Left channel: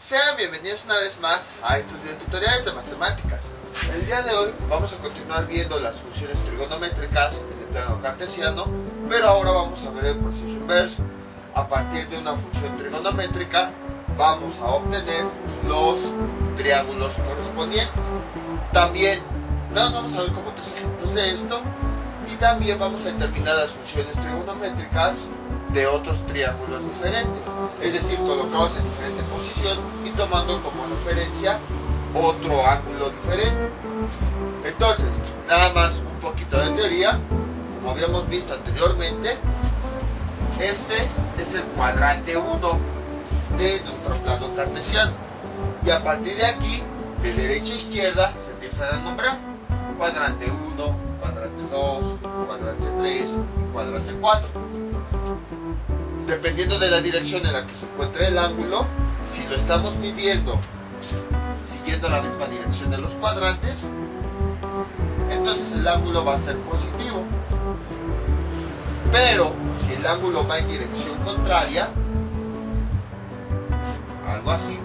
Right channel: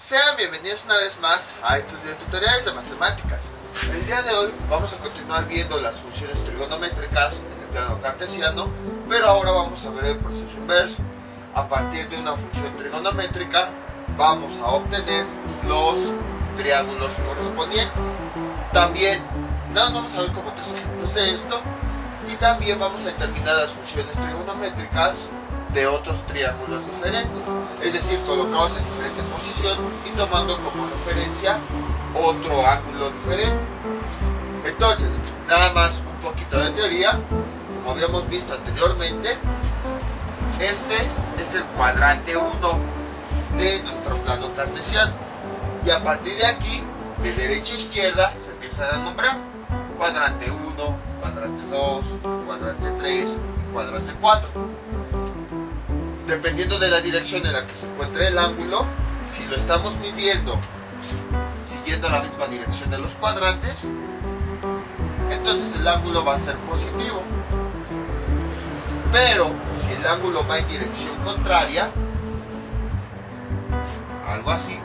Sean bienvenidos una vez más a estos videotutoriales de matemáticas. El día de hoy vamos a continuar viendo las funciones trigonométricas en el plano cartesiano, pero ahora vamos a ver el proceso inverso. A partir de una función trigonométrica vamos a obtener los triángulos correspondientes. También nos vamos a ver como tres ejemplos de esto, y también vamos a determinar las funciones trigonométricas de otros triángulos diferentes, es decir, colocados en diferente posición y tomando como referencia otro ángulo diferente. Entonces, nada más un poquito de teoría. Como habíamos visto anteriormente, este es el cuadrante 1 de nuestro plano cartesiano, y a partir de aquí, de derecha a izquierda, se empiezan a nombrar cuadrante 1, cuadrante 2, cuadrante 3 y cuadrante 4. Dependiendo de la dirección en la que se encuentre el ángulo, si lo estamos midiendo siguiendo la misma dirección de los cuadrantes, entonces el ángulo va a ser positivo. Pero si el ángulo va en dirección contraria, algo así,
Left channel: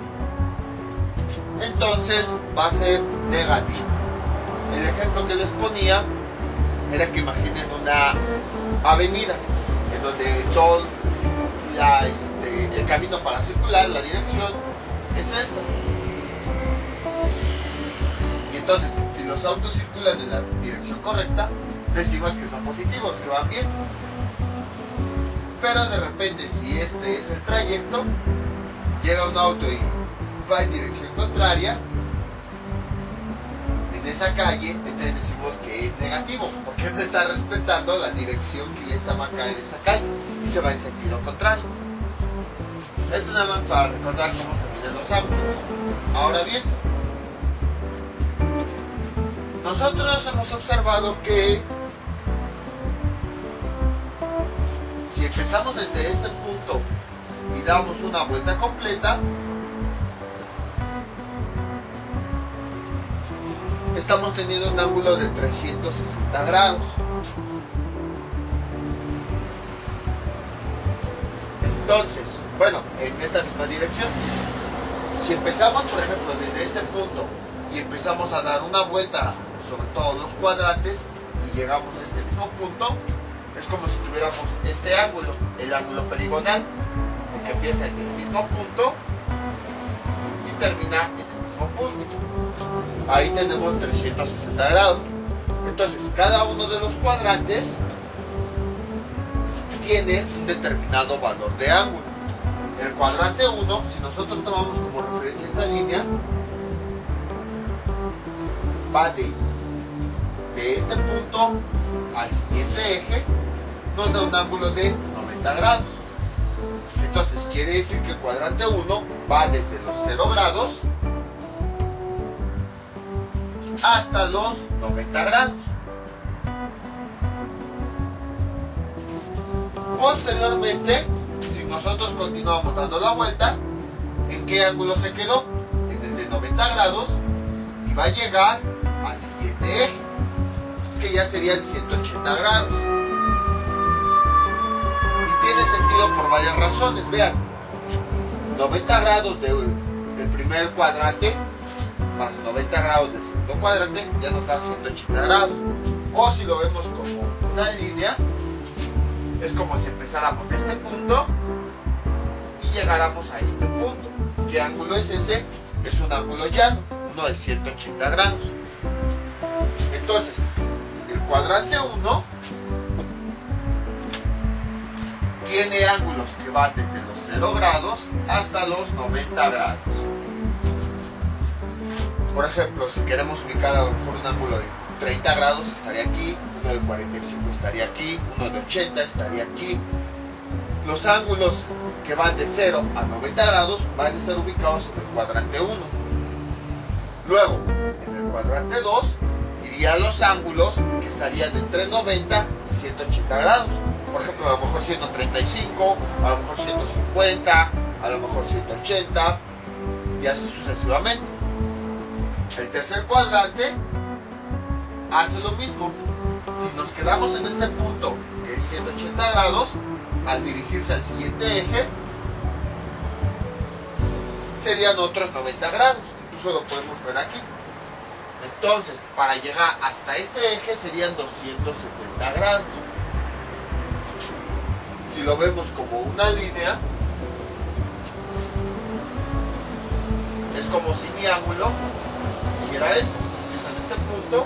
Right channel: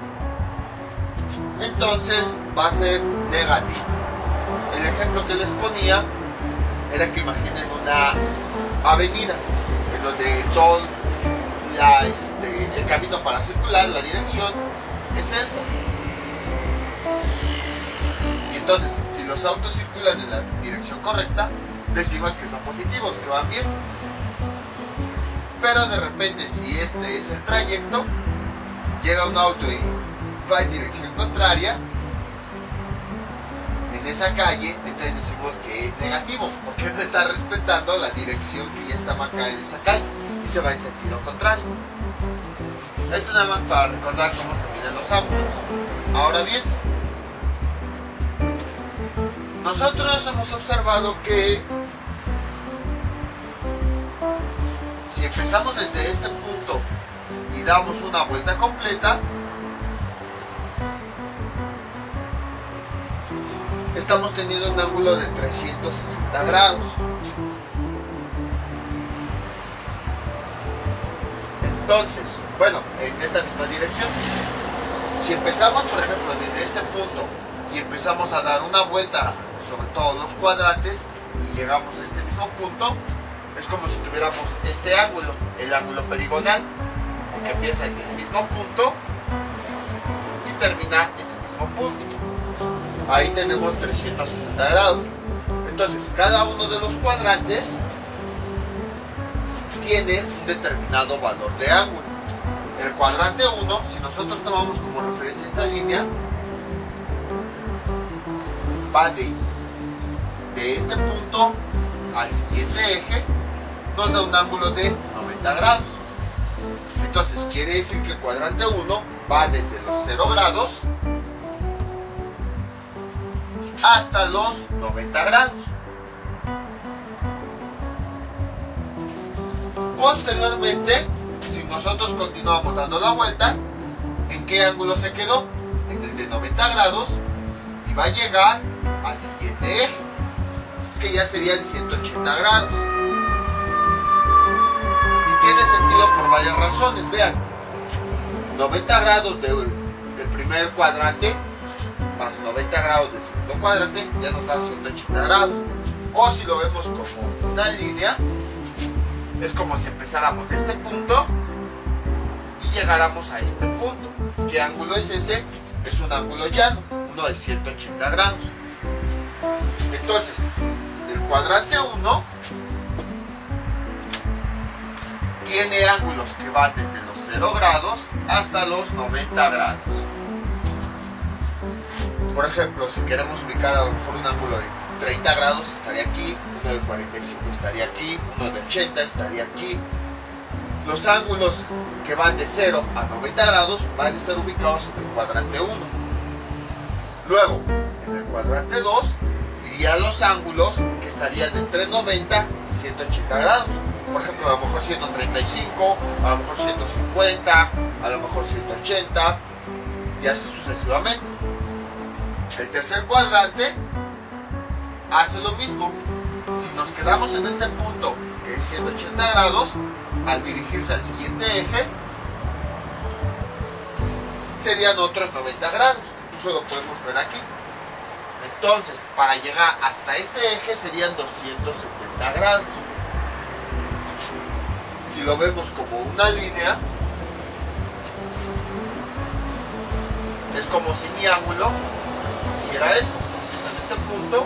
entonces va a ser negativo. El ejemplo que les ponía era que imaginen una avenida en donde todo el camino para circular, la dirección es esta. Y entonces, si los autos circulan en la dirección correcta, decimos que son positivos, que van bien. Pero de repente, si este es el trayecto, llega un auto y va en dirección contraria en esa calle, entonces decimos que es negativo, porque no está respetando la dirección que ya está marcada en esa calle y se va en sentido contrario. Esto nada más para recordar cómo se miden los ángulos. Ahora bien, nosotros hemos observado que si empezamos desde este punto y damos una vuelta completa, estamos teniendo un ángulo de 360 grados. Entonces, bueno, en esta misma dirección, si empezamos por ejemplo desde este punto y empezamos a dar una vuelta sobre todos los cuadrantes y llegamos a este mismo punto, es como si tuviéramos este ángulo, el ángulo perigonal, que empieza en el mismo punto y termina en el mismo punto. Ahí tenemos 360 grados. Entonces, cada uno de los cuadrantes tiene un determinado valor de ángulo. El cuadrante 1, si nosotros tomamos como referencia esta línea, va de este punto al siguiente eje, nos da un ángulo de 90 grados. Entonces quiere decir que el cuadrante 1 va desde los 0 grados hasta los 90 grados. Posteriormente, si nosotros continuamos dando la vuelta, ¿en qué ángulo se quedó? En el de 90 grados, y va a llegar al siguiente eje, que ya serían 180 grados. Y tiene sentido por varias razones. Vean, 90 grados del primer cuadrante más 90 grados del segundo cuadrante ya nos da 180 grados. O si lo vemos como una línea, es como si empezáramos de este punto y llegáramos a este punto. ¿Qué ángulo es ese? Es un ángulo llano, uno de 180 grados. Entonces, el cuadrante 1 tiene ángulos que van desde los 0 grados hasta los 90 grados. Por ejemplo, si queremos ubicar a lo mejor un ángulo de 30 grados, estaría aquí, uno de 45 estaría aquí, uno de 80 estaría aquí. Los ángulos que van de 0 a 90 grados van a estar ubicados en el cuadrante 1. Luego, en el cuadrante 2 irían los ángulos que estarían entre 90 y 180 grados. Por ejemplo, a lo mejor 135, a lo mejor 150, a lo mejor 180, y así sucesivamente. El tercer cuadrante hace lo mismo. Si nos quedamos en este punto, que es 180 grados, al dirigirse al siguiente eje, serían otros 90 grados. Incluso lo podemos ver aquí. Entonces, para llegar hasta este eje serían 270 grados. Si lo vemos como una línea, es como si mi ángulo hiciera esto. Empieza en este punto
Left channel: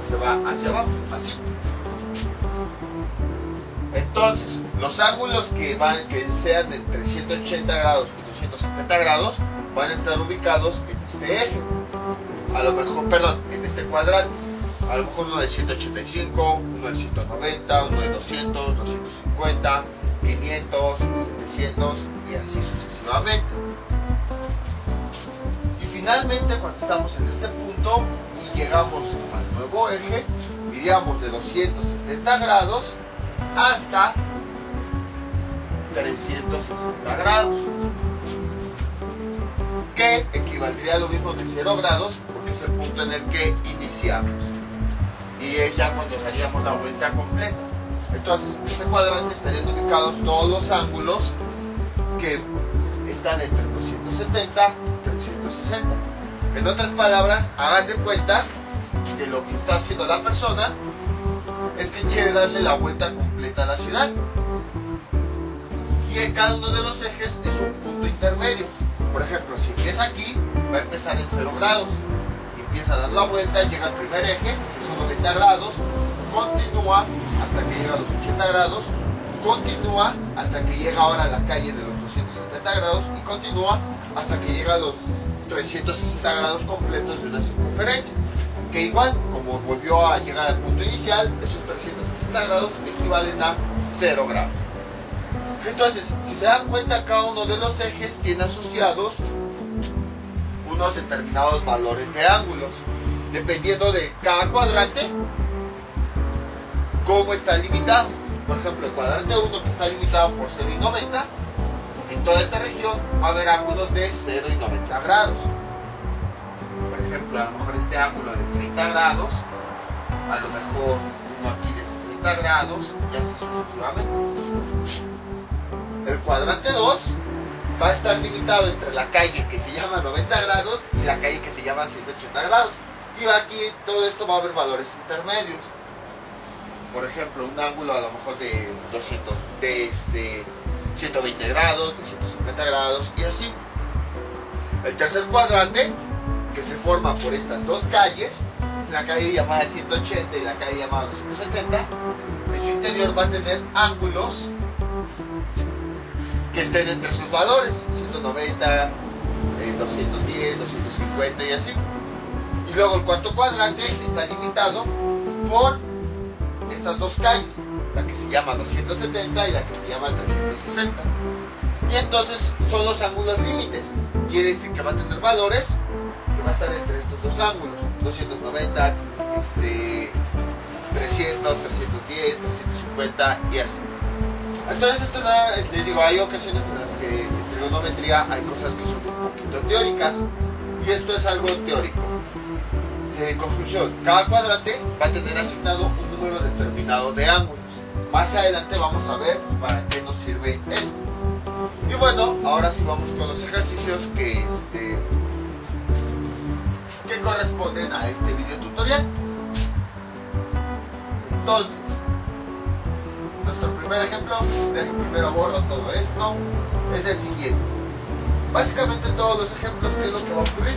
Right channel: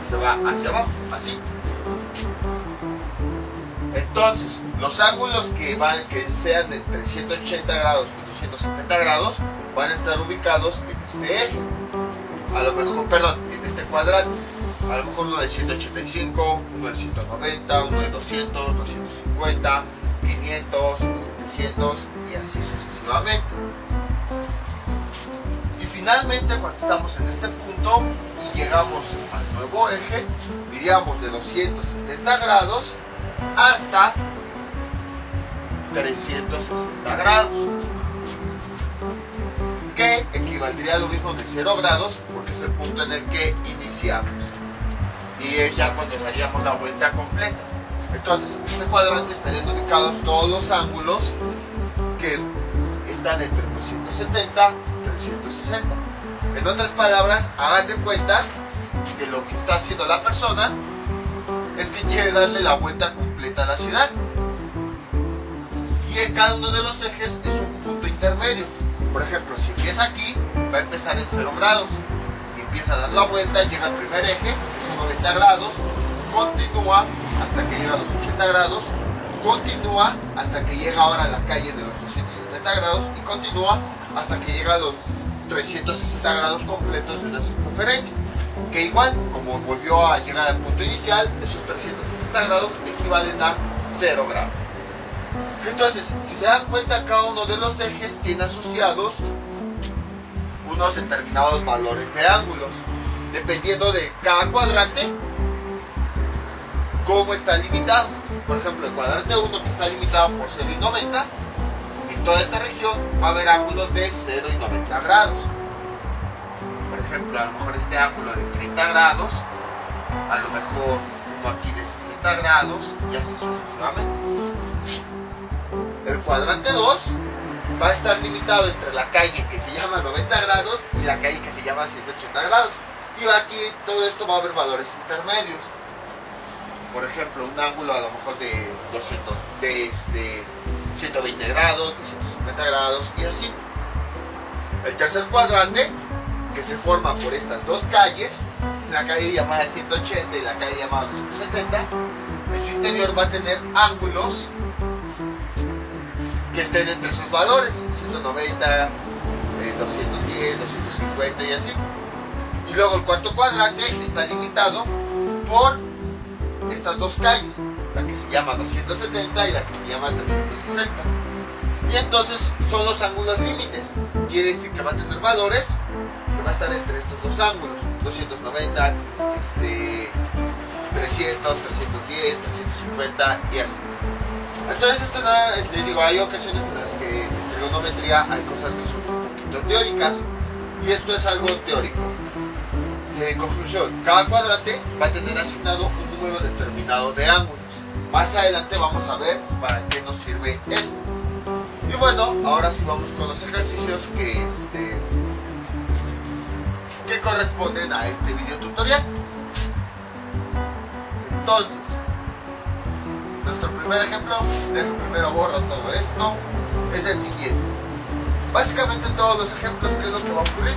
y se va hacia abajo, así. Entonces, los ángulos que sean entre 180 grados y 270 grados van a estar ubicados en este eje. A lo mejor, perdón, en este cuadrante. A lo mejor uno de 185, uno de 190, uno de 200, 250, 500, 700 y así sucesivamente. Y finalmente, cuando estamos en este punto y llegamos al nuevo eje, iríamos de los 170 grados hasta 360 grados, que equivaldría a lo mismo de 0 grados, porque es el punto en el que iniciamos y es ya cuando daríamos la vuelta completa. Entonces, en este cuadrante estarían ubicados todos los ángulos que están entre 270 y 360. En otras palabras, hagan de cuenta que lo que está haciendo la persona es que quiere darle la vuelta completa a la ciudad, y en cada uno de los ejes es un punto intermedio. Por ejemplo, si empieza aquí, va a empezar en 0 grados, empieza a dar la vuelta, llega al primer eje, que son 90 grados, continúa hasta que llega a los 80 grados, continúa hasta que llega ahora a la calle de los 270 grados y continúa hasta que llega a los 360 grados completos de una circunferencia, que igual, como volvió a llegar al punto inicial, esos 360 grados equivalen a 0 grados. Entonces, si se dan cuenta, cada uno de los ejes tiene asociados unos determinados valores de ángulos, dependiendo de cada cuadrante, cómo está limitado. Por ejemplo, el cuadrante 1, que está limitado por 0 y 90, en toda esta región va a haber ángulos de 0 y 90 grados. Por ejemplo, a lo mejor este ángulo de 30 grados, a lo mejor uno aquí de 60 grados y así sucesivamente. El cuadrante 2 va a estar limitado entre la calle que se llama 90 grados y la calle que se llama 180 grados. Y aquí todo esto va a haber valores intermedios. Por ejemplo, un ángulo a lo mejor de 120 grados, de 150 grados y así. El tercer cuadrante, que se forma por estas dos calles, la calle llamada 180 y la calle llamada 270, en su interior va a tener ángulos que estén entre sus valores, 190, 210, 250 y así. Y luego el cuarto cuadrante está limitado por estas dos calles, la que se llama 270 y la que se llama 360. Y entonces son los ángulos límites. Quiere decir que va a tener valores que va a estar entre estos dos ángulos, 290, 300, 310, 350 y así. Entonces esto les digo, hay ocasiones en las que en trigonometría hay cosas que son un poquito teóricas y esto es algo teórico. En conclusión, cada cuadrante va a tener asignado un número determinado de ángulos. Más adelante vamos a ver para qué nos sirve esto. Y bueno, ahora sí vamos con los ejercicios que corresponden a este video tutorial. Entonces, nuestro primer ejemplo, primero borro todo esto, es el siguiente. Básicamente todos los ejemplos, ¿qué es lo que va a ocurrir?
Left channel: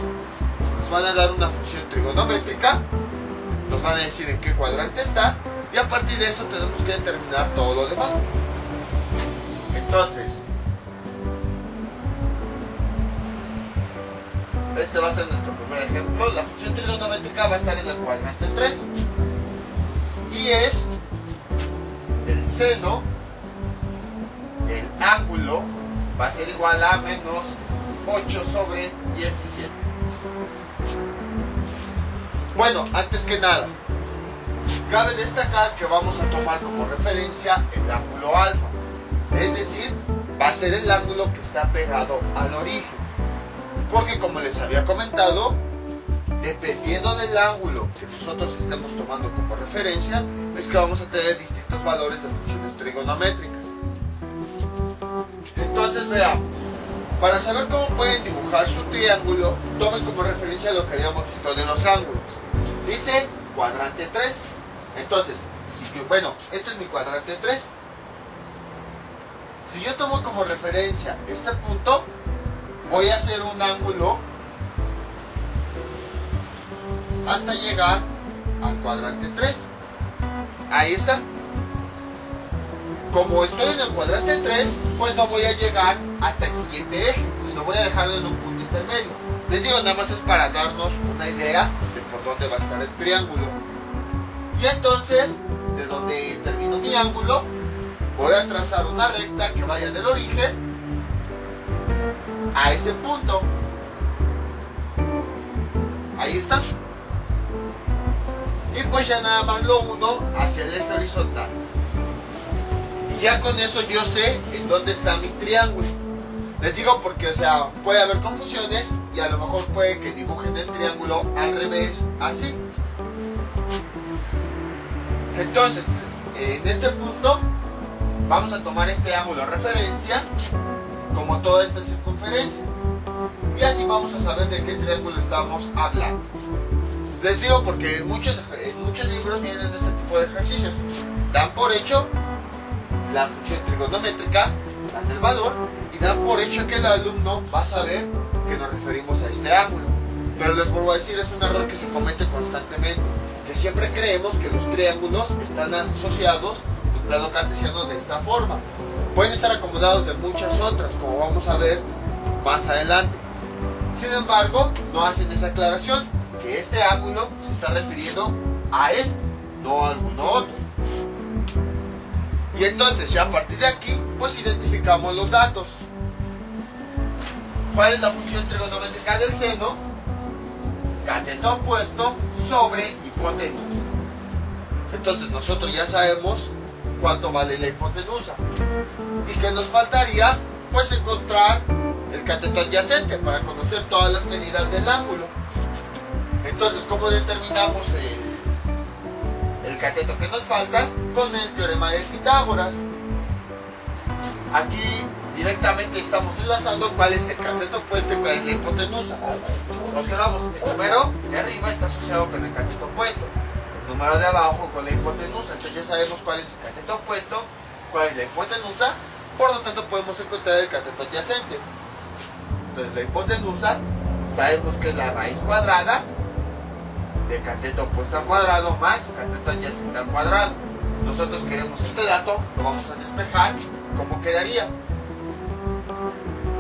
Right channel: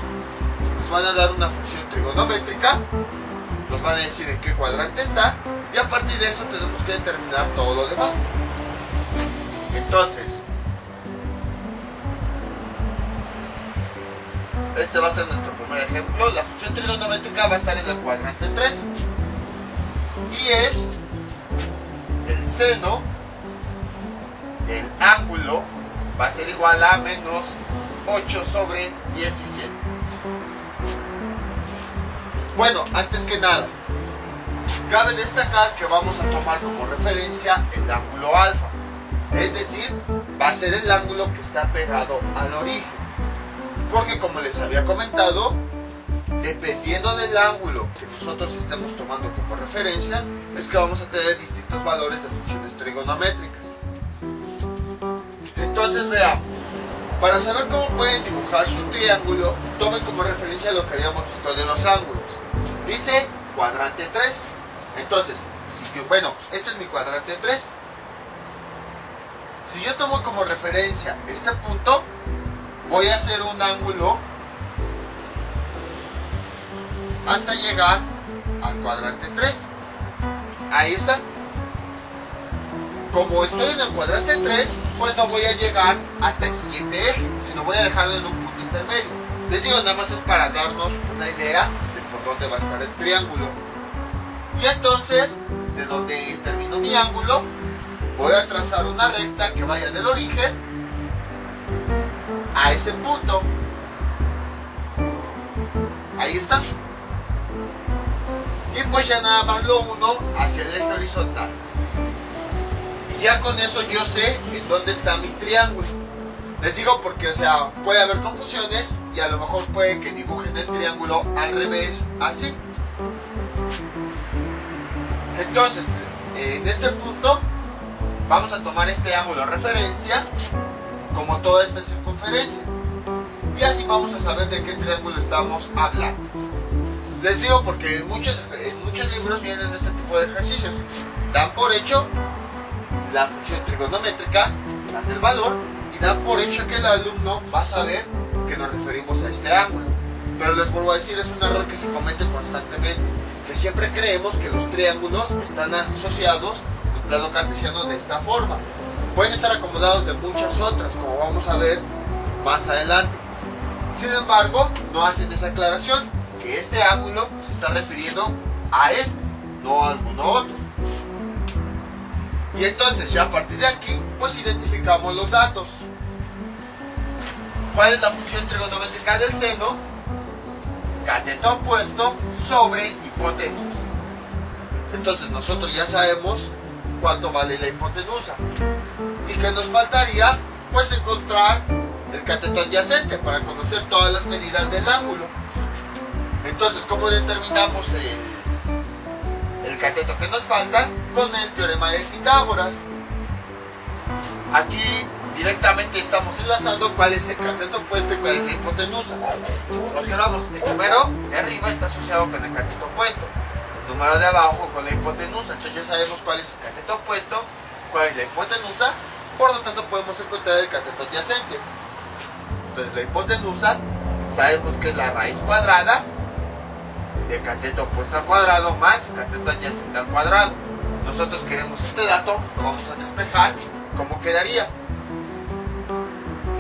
Nos van a dar una función trigonométrica, nos van a decir en qué cuadrante está, y a partir de eso tenemos que determinar todo lo demás. Entonces, este va a ser nuestro primer ejemplo. La función trigonométrica va a estar en el cuadrante 3 y es el seno del ángulo va a ser igual a menos 8 sobre 17. Bueno, antes que nada, cabe destacar que vamos a tomar como referencia el ángulo alfa, es decir, va a ser el ángulo que está pegado al origen, porque como les había comentado, dependiendo del ángulo que nosotros estemos tomando como referencia, es que vamos a tener distintos valores de funciones trigonométricas. Entonces veamos, Para saber cómo pueden dibujar su triángulo, tomen como referencia lo que habíamos visto de los ángulos. Dice cuadrante 3. Entonces, este es mi cuadrante 3. Si yo tomo como referencia este punto, voy a hacer un ángulo hasta llegar al cuadrante 3. Ahí está. Como estoy en el cuadrante 3, pues no voy a llegar hasta el siguiente eje, sino voy a dejarlo en un punto intermedio. Les digo, nada más es para darnos una idea de por dónde va a estar el triángulo. Y entonces, de donde termino mi ángulo, voy a trazar una recta que vaya del origen a ese punto. Ahí está. Y pues ya nada más lo uno hacia el eje horizontal. Y ya con eso yo sé en dónde está mi triángulo. Les digo porque, o sea, puede haber confusiones y a lo mejor puede que dibujen el triángulo al revés, así. Entonces, en este punto vamos a tomar este ángulo de referencia como toda esta circunferencia. Y así vamos a saber de qué triángulo estamos hablando. Les digo porque en muchos libros vienen este tipo de ejercicios. Dan por hecho la función trigonométrica, dan el valor y dan por hecho que el alumno va a saber que nos referimos a este ángulo. Pero les vuelvo a decir, es un error que se comete constantemente, que siempre creemos que los triángulos están asociados en un plano cartesiano de esta forma. Pueden estar acomodados de muchas otras, como vamos a ver más adelante. Sin embargo, no hacen esa aclaración, que este ángulo se está refiriendo a este, no a alguno otro. Y entonces ya a partir de aquí, pues identificamos los datos. ¿Cuál es la función trigonométrica del seno? Cateto opuesto sobre hipotenusa. Entonces nosotros ya sabemos cuánto vale la hipotenusa. ¿Y qué nos faltaría? Pues encontrar el cateto adyacente para conocer todas las medidas del ángulo. Entonces, ¿cómo determinamos el cateto que nos falta? Con el teorema de Pitágoras. Aquí directamente estamos enlazando cuál es el cateto opuesto y cuál es la hipotenusa. Observamos, el número de arriba está asociado con el cateto opuesto, el número de abajo con la hipotenusa. Entonces ya sabemos cuál es el cateto opuesto, cuál es la hipotenusa, por lo tanto podemos encontrar el cateto adyacente. Entonces la hipotenusa sabemos que es la raíz cuadrada de cateto opuesto al cuadrado más cateto adyacente al cuadrado. Nosotros queremos este dato, lo vamos a despejar. ¿Cómo quedaría?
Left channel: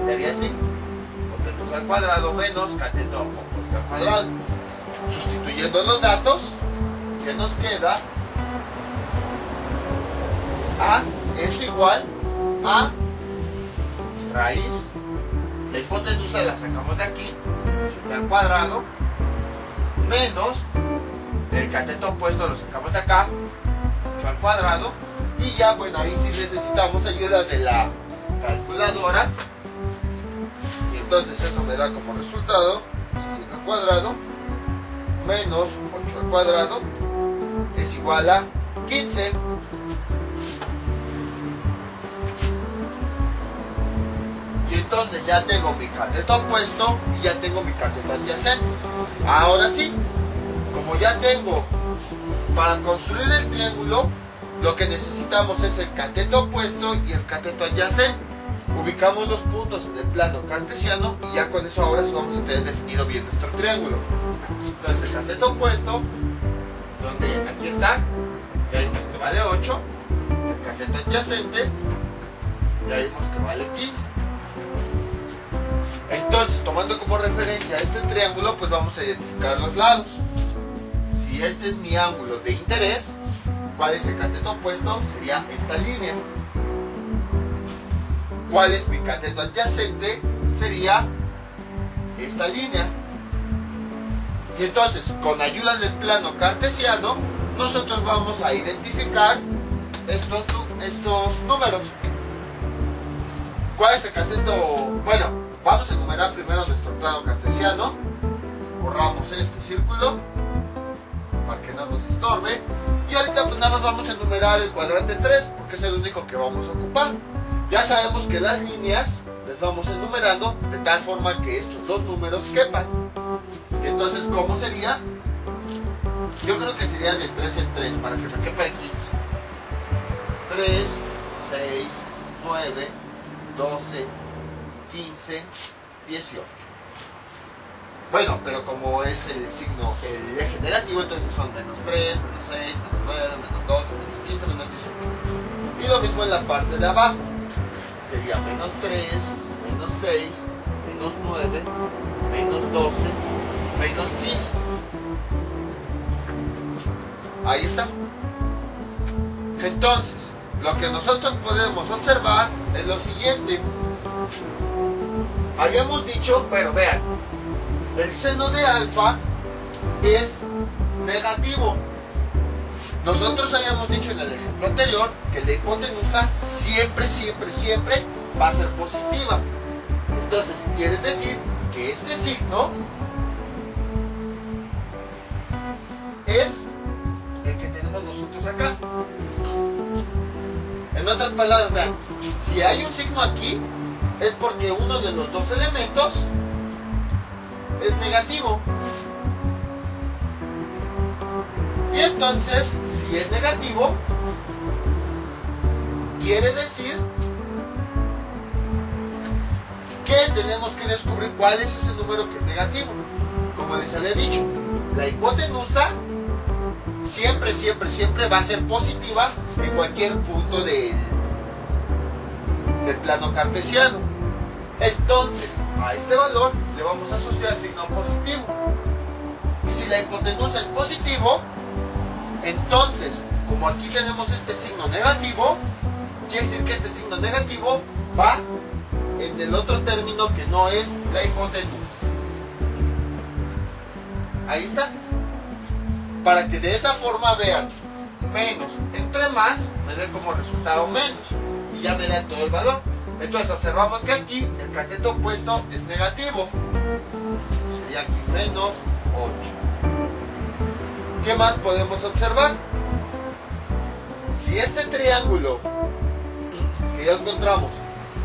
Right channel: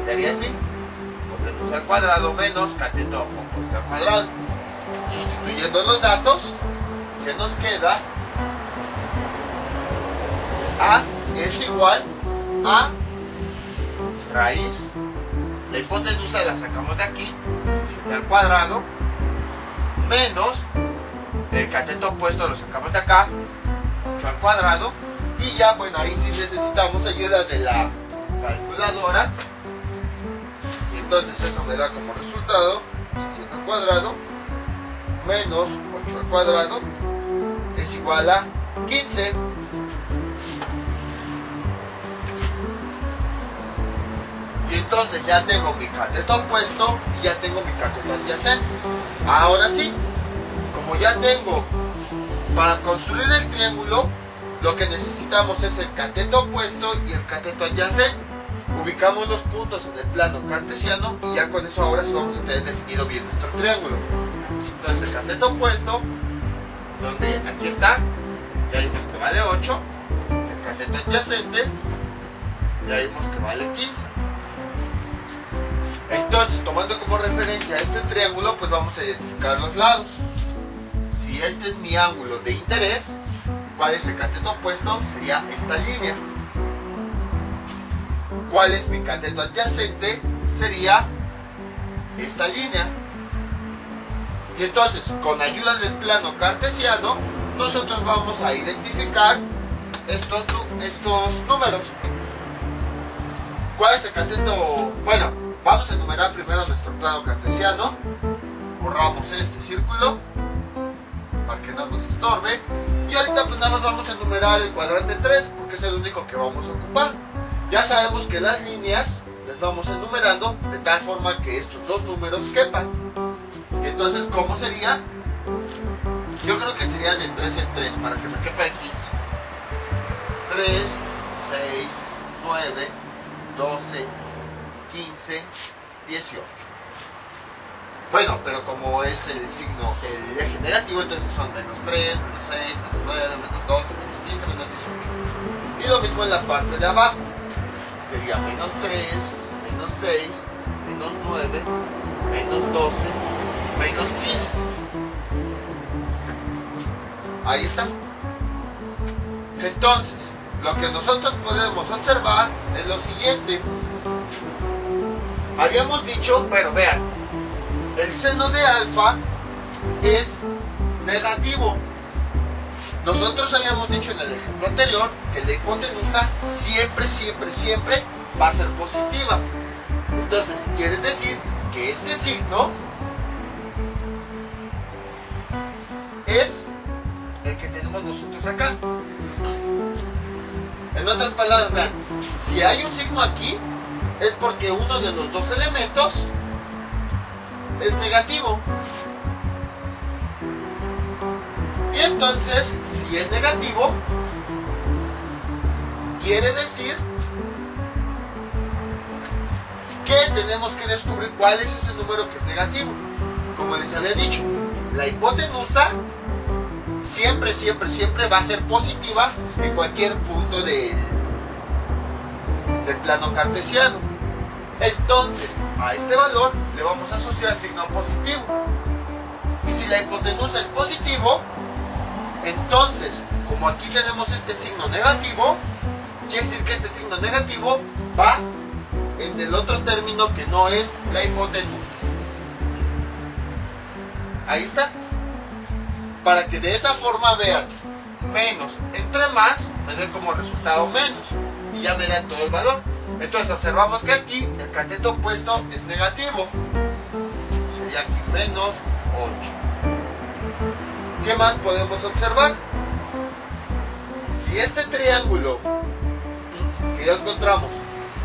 Quedaría así: hipotenusa al cuadrado menos cateto opuesto al cuadrado. Sustituyendo los datos, ¿qué nos queda? A es igual a raíz, la hipotenusa la sacamos de aquí, 17 al cuadrado, menos el cateto opuesto lo sacamos de acá, 8 al cuadrado, y ya, bueno, ahí sí necesitamos ayuda de la calculadora. Y entonces eso me da como resultado 17 al cuadrado menos 8 al cuadrado es igual a 15. Y entonces ya tengo mi cateto opuesto y ya tengo mi cateto adyacente. Ahora sí, como ya tengo, para construir el triángulo, lo que necesitamos es el cateto opuesto y el cateto adyacente. Ubicamos los puntos en el plano cartesiano y ya con eso ahora sí vamos a tener definido bien nuestro triángulo. Entonces el cateto opuesto, donde aquí está, ya vimos que vale 8. El cateto adyacente, ya vimos que vale 15. Entonces, tomando como referencia este triángulo, pues vamos a identificar los lados. Si este es mi ángulo de interés, ¿cuál es el cateto opuesto? Sería esta línea. ¿Cuál es mi cateto adyacente? Sería esta línea. Y entonces, con ayuda del plano cartesiano, nosotros vamos a identificar estos números. ¿Cuál es el cateto? Bueno, vamos a enumerar primero nuestro plano cartesiano. Borramos este círculo para que no nos estorbe. Y ahorita pues nada más vamos a enumerar el cuadrante 3 porque es el único que vamos a ocupar. Ya sabemos que las líneas les vamos enumerando de tal forma que estos dos números quepan. Entonces, ¿cómo sería? Yo creo que sería de 3 en 3 para que me quepa el 15. 3, 6, 9, 12, 15, 18. Bueno, pero como es el signo, el eje negativo, entonces son menos 3, menos 6, menos 9, menos 12, menos 15, menos 18. Y lo mismo en la parte de abajo. Sería menos 3, menos 6, menos 9, menos 12, menos 15. Ahí está. Entonces, lo que nosotros podemos observar es lo siguiente. Habíamos dicho, bueno, vean, el seno de alfa es negativo. Nosotros habíamos dicho en el ejemplo anterior que la hipotenusa siempre, siempre, siempre va a ser positiva. Entonces, quiere decir que este signo es el que tenemos nosotros acá. En otras palabras, vean, si hay un signo aquí, es porque uno de los dos elementos es negativo. Y entonces, si es negativo, quiere decir que tenemos que descubrir cuál es ese número que es negativo. Como les había dicho, la hipotenusa siempre, siempre, siempre va a ser positiva en cualquier punto del plano cartesiano. Entonces, a este valor le vamos a asociar signo positivo. Y si la hipotenusa es positivo, entonces, como aquí tenemos este signo negativo, quiere decir que este signo negativo va en el otro término que no es la hipotenusa. Ahí está. Para que de esa forma vean, menos entre más, me dé como resultado menos. Y ya me da todo el valor. Entonces observamos que aquí el cateto opuesto es negativo. Sería aquí menos 8. ¿Qué más podemos observar? Si este triángulo que ya encontramos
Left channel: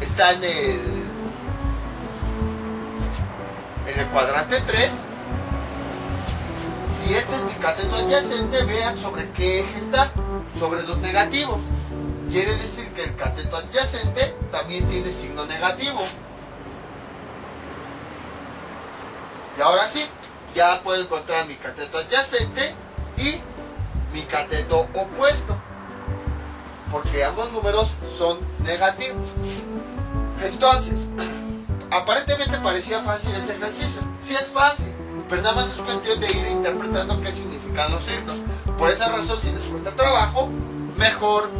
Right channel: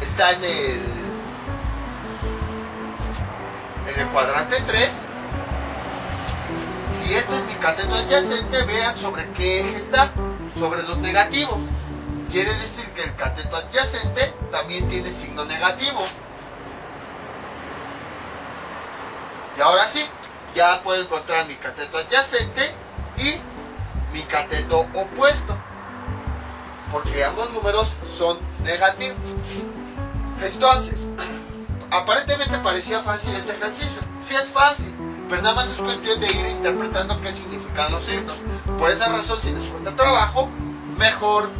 está en el cuadrante 3, si este es mi cateto adyacente, vean sobre qué eje está, sobre los negativos. Quiere decir que el cateto adyacente también tiene signo negativo. Y ahora sí, ya puedo encontrar mi cateto adyacente y mi cateto opuesto, porque ambos números son negativos. Entonces, aparentemente parecía fácil este ejercicio. Sí es fácil, pero nada más es cuestión de ir interpretando qué significan los signos. Por esa razón, si les cuesta trabajo, mejor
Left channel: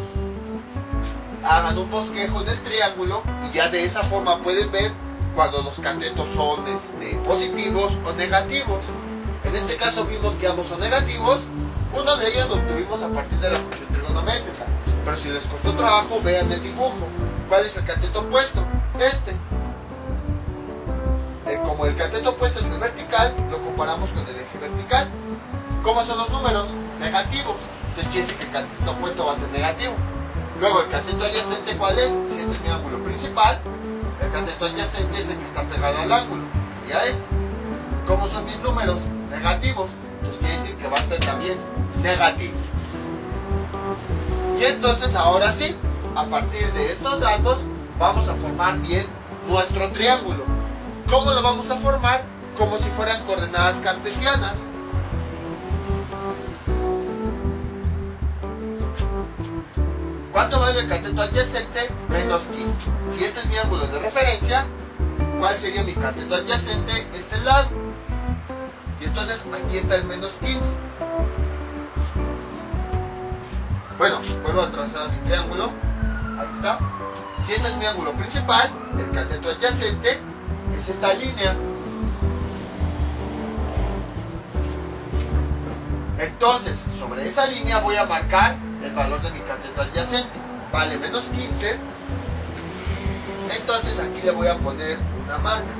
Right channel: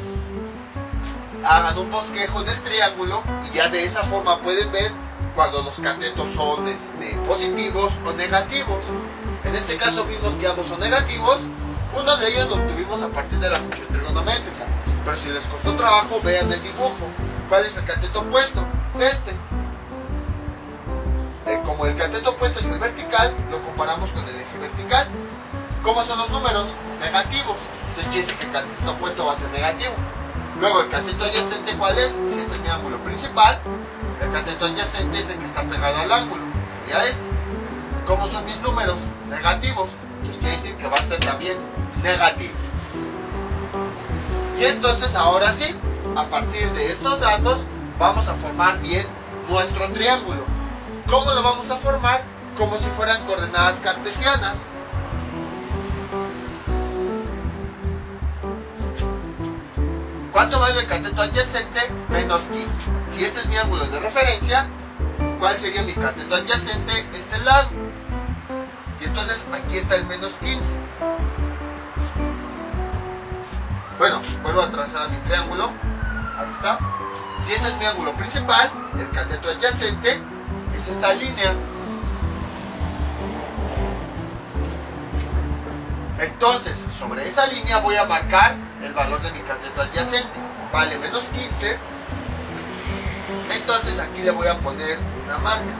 hagan un bosquejo del triángulo y ya de esa forma pueden ver cuando los catetos son positivos o negativos. En este caso vimos que ambos son negativos. Uno de ellos lo obtuvimos a partir de la función trigonométrica, pero si les costó trabajo, vean el dibujo. ¿Cuál es el cateto opuesto? Este. Como el cateto opuesto es el vertical, lo comparamos con el eje vertical. ¿Cómo son los números? Negativos. Entonces quiere decir que el cateto opuesto va a ser negativo. Luego el cateto adyacente, ¿cuál es? Si este es mi ángulo principal, el cateto adyacente es el que está pegado al ángulo. Sería este. ¿Cómo son mis números? Negativos. Entonces quiere decir que va a ser también negativo. Y entonces ahora sí, a partir de estos datos, vamos a formar bien nuestro triángulo. ¿Cómo lo vamos a formar? Como si fueran coordenadas cartesianas. ¿Cuánto vale el cateto adyacente? Menos 15. Si este es mi ángulo de referencia, ¿cuál sería mi cateto adyacente? Este lado. Y entonces aquí está el menos 15. Bueno, vuelvo a trazar mi triángulo. Ahí está. Si este es mi ángulo principal, el cateto adyacente es esta línea. Entonces, sobre esa línea voy a marcar el valor de mi cateto adyacente. Vale menos 15. Entonces aquí le voy a poner una marca.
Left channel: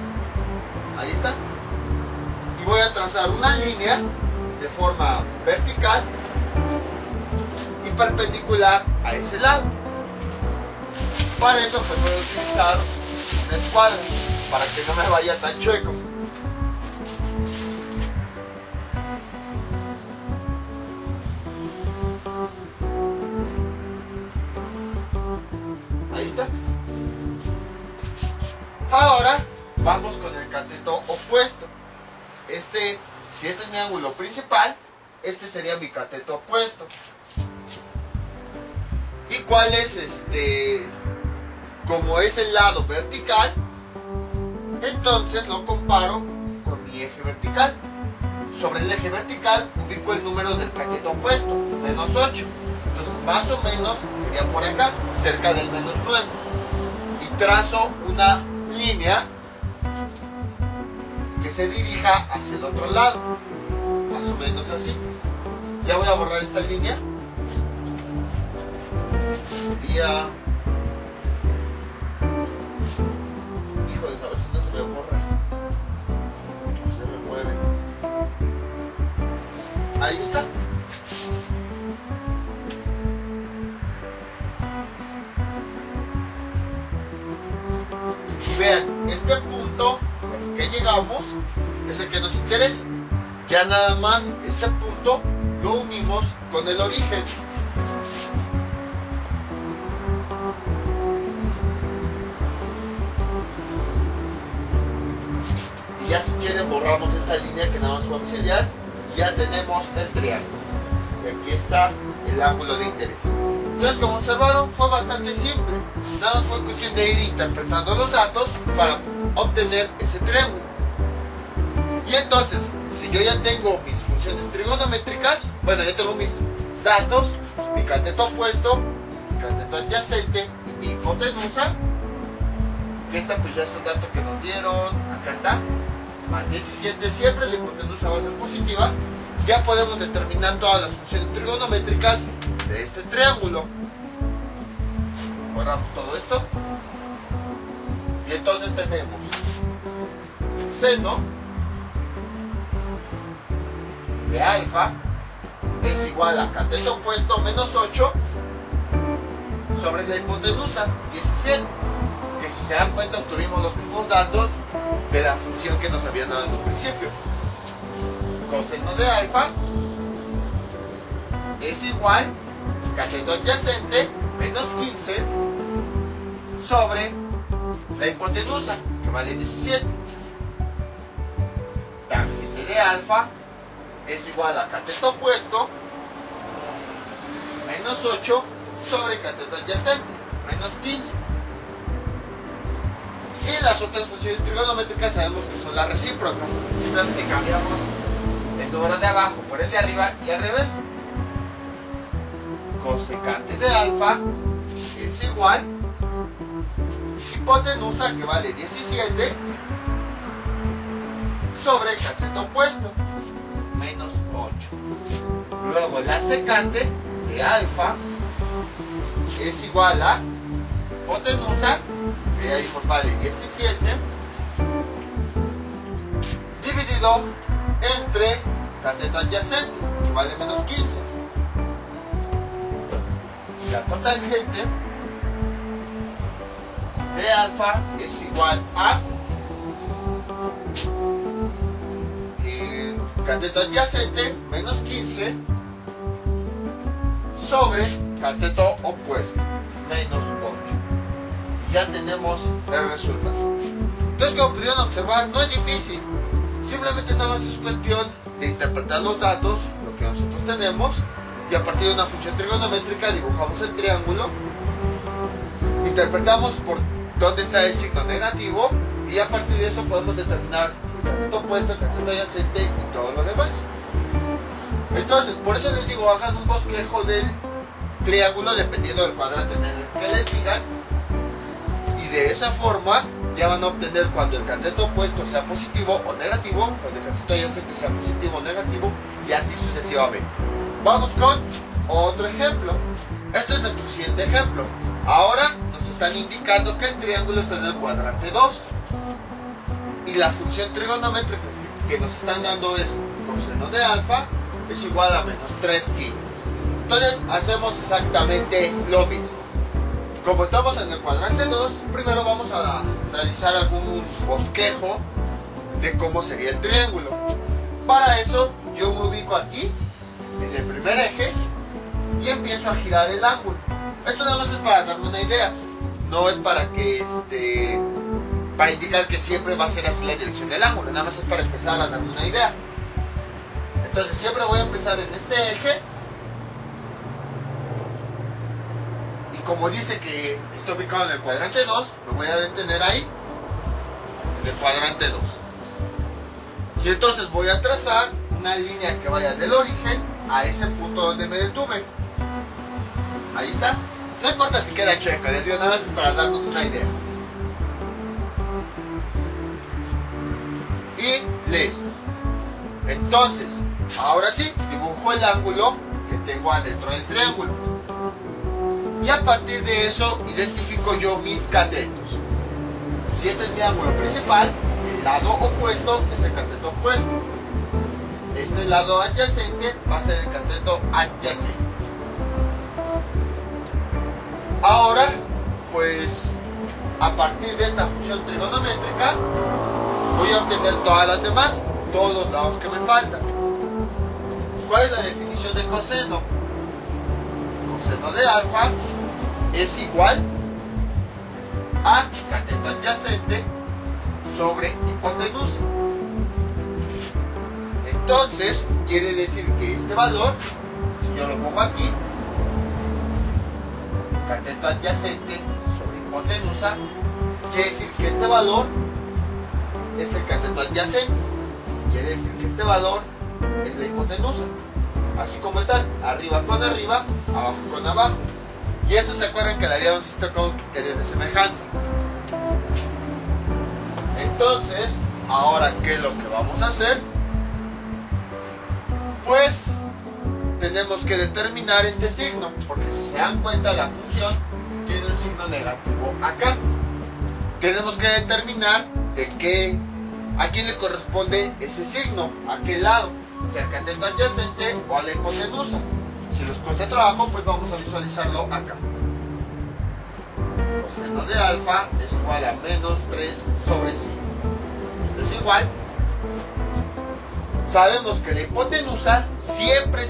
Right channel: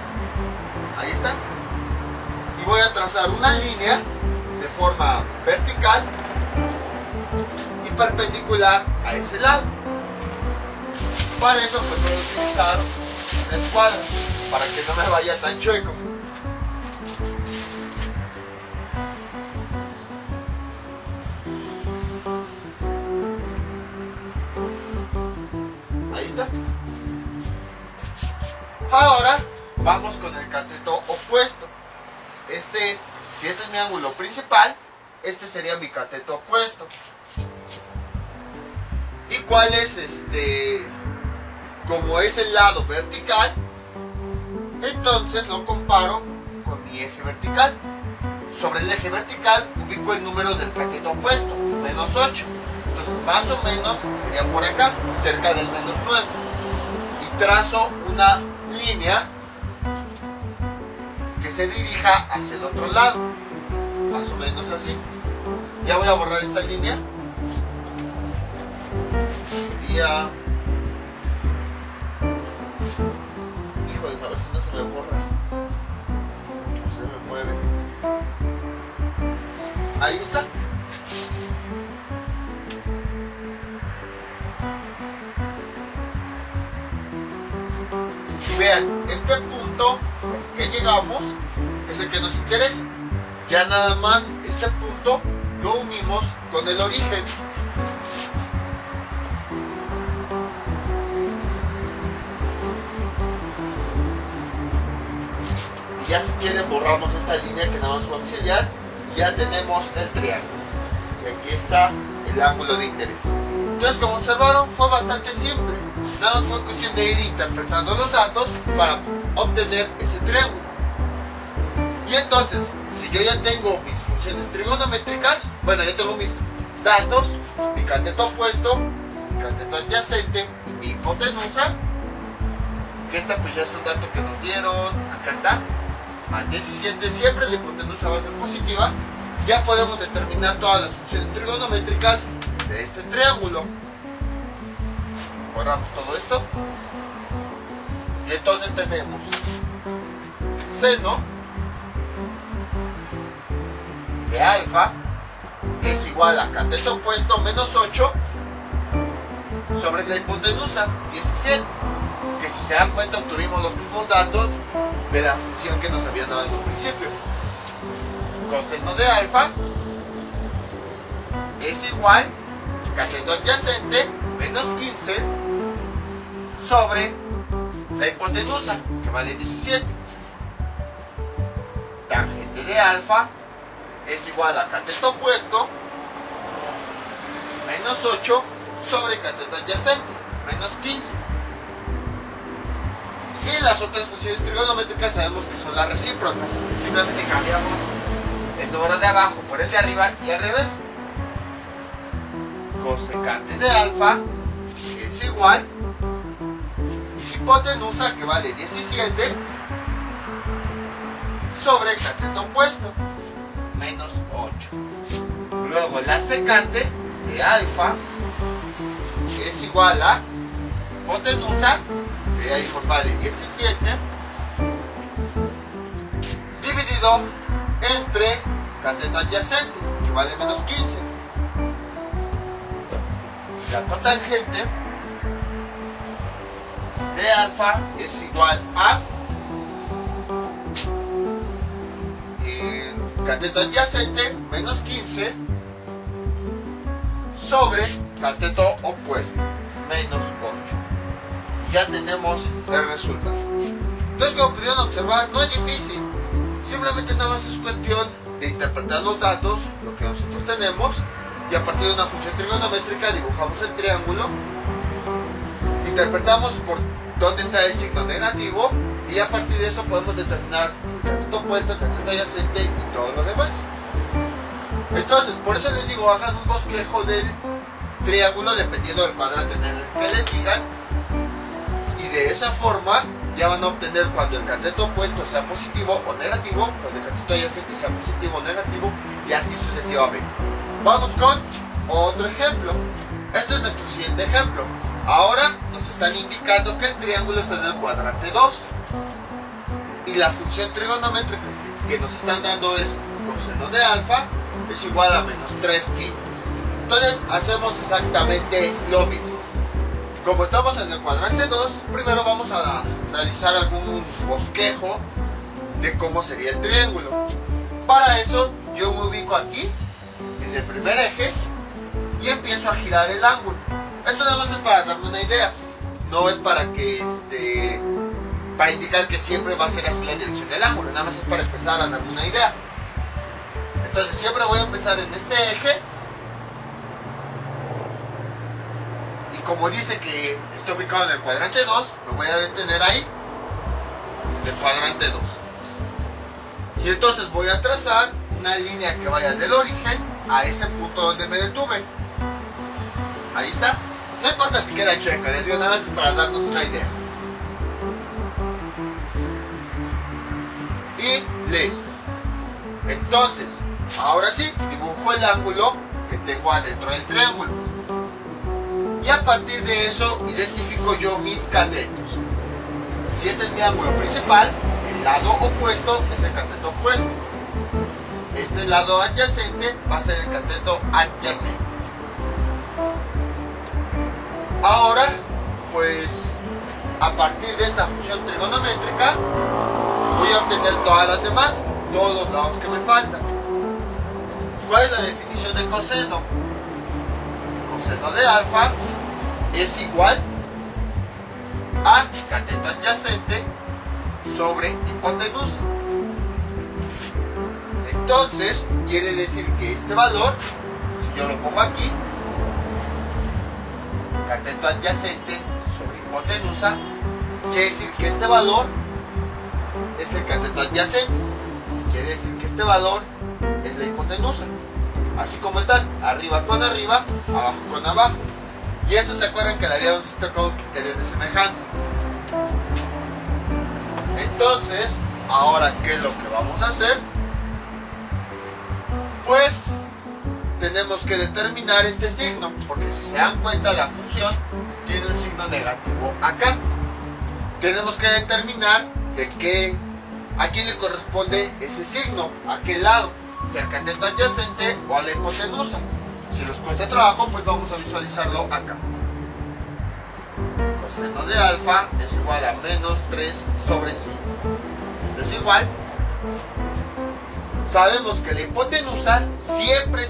Ahí está. Y voy a trazar una línea de forma vertical y perpendicular a ese lado. Para eso pues voy a utilizar una escuadra para que no me vaya tan chueco. Ahí está. Ahora vamos con el cateto opuesto. Si este es mi ángulo principal, este sería mi cateto opuesto. ¿Y cuál es como es el lado vertical? Entonces lo comparo con mi eje vertical. Sobre el eje vertical ubico el número del cateto opuesto, menos 8. Entonces más o menos sería por acá, cerca del menos 9. Y trazo una línea que se dirija hacia el otro lado, más o menos así. Ya voy a borrar esta línea. Sería, híjole, a ver si no se me borra, no se me mueve. Ahí está. Y vean, este punto al que llegamos es el que nos interesa. Ya nada más este punto lo unimos con el origen. Y ya si quieren borramos esta línea que nada más vamos a sellar. Y ya tenemos el triángulo. Y aquí está el ángulo de interés. Entonces, como observaron, fue bastante simple. Nada más fue cuestión de ir interpretando los datos para obtener ese triángulo. Y entonces, si yo ya tengo mis funciones trigonométricas, bueno, ya tengo mis datos, mi cateto opuesto, mi cateto adyacente y mi hipotenusa, que esta pues ya es un dato que nos dieron, acá está, más 17, siempre la hipotenusa va a ser positiva, ya podemos determinar todas las funciones trigonométricas de este triángulo. Borramos todo esto y entonces tenemos el seno de alfa es igual a cateto opuesto menos 8 sobre la hipotenusa 17, que si se dan cuenta obtuvimos los mismos datos de la función que nos habían dado en un principio. Coseno de alfa es igual cateto adyacente menos 15 sobre la hipotenusa, que vale 17. Tangente de alfa es igual a cateto opuesto menos 8 sobre cateto adyacente menos 15. Y las otras funciones trigonométricas sabemos que son las recíprocas. Simplemente cambiamos el número de abajo por el de arriba y al revés. Cosecante de alfa es igual hipotenusa, que vale 17 sobre cateto opuesto menos 8. Luego la secante de alfa es igual a hipotenusa, que ahí pues vale 17, dividido entre cateto adyacente, que vale menos 15. La cotangente de alfa es igual a cateto adyacente menos 15 sobre cateto opuesto menos 8. Ya tenemos el resultado. Entonces, como pudieron observar, no es difícil. Simplemente nada más es cuestión de interpretar los datos, lo que nosotros tenemos, y a partir de una función trigonométrica dibujamos el triángulo, interpretamos por dónde está el signo negativo, y a partir de eso podemos determinar el cateto opuesto, el cateto adyacente y todo lo demás. Entonces, por eso les digo, hagan un bosquejo del triángulo dependiendo del cuadrante en el que les digan, y de esa forma ya van a obtener cuando el cateto opuesto sea positivo o negativo, cuando el cateto adyacente sea positivo o negativo, y así sucesivamente. Vamos con otro ejemplo. Este es nuestro siguiente ejemplo. Ahora nos están indicando que el triángulo está en el cuadrante 2 y la función trigonométrica que nos están dando es coseno de alfa es igual a menos 3 quintos. Entonces hacemos exactamente lo mismo. Como estamos en el cuadrante 2, primero vamos a realizar algún bosquejo de cómo sería el triángulo. Para eso yo me ubico aquí en el primer eje y empiezo a girar el ángulo. Esto nada más es para darme una idea, no es para que para indicar que siempre va a ser así la dirección del ángulo, nada más es para empezar a darme una idea. Entonces siempre voy a empezar en este eje y como dice que está ubicado en el cuadrante 2, me voy a detener ahí en el cuadrante 2 y entonces voy a trazar una línea que vaya del origen a ese punto donde me detuve. Ahí está. No importa si queda chueco, les digo, nada más es para darnos una idea. Y listo. Entonces, ahora sí, dibujo el ángulo que tengo adentro del triángulo. Y a partir de eso, identifico yo mis catetos. Si este es mi ángulo principal, el lado opuesto es el cateto opuesto. Este lado adyacente va a ser el cateto adyacente. Ahora, pues, a partir de esta función trigonométrica, voy a obtener todas las demás, todos los lados que me faltan. ¿Cuál es la definición de coseno? Coseno de alfa es igual a cateto adyacente sobre hipotenusa. Entonces, quiere decir que este valor, si yo lo pongo aquí, cateto adyacente sobre hipotenusa, quiere decir que este valor es el cateto adyacente y quiere decir que este valor es la hipotenusa, así como están, arriba con arriba, abajo con abajo. Y eso se acuerdan que lo habíamos visto con criterios de semejanza. Entonces, ahora, ¿qué es lo que vamos a hacer? Pues tenemos que determinar este signo, porque si se dan cuenta, la función tiene un signo negativo acá. Tenemos que determinar a quién le corresponde ese signo, a qué lado, si al cateto adyacente o a la hipotenusa. Si nos cuesta trabajo, pues vamos a visualizarlo acá. Coseno de alfa es igual a menos 3 sobre 5. Esto es igual. Sabemos que la hipotenusa siempre,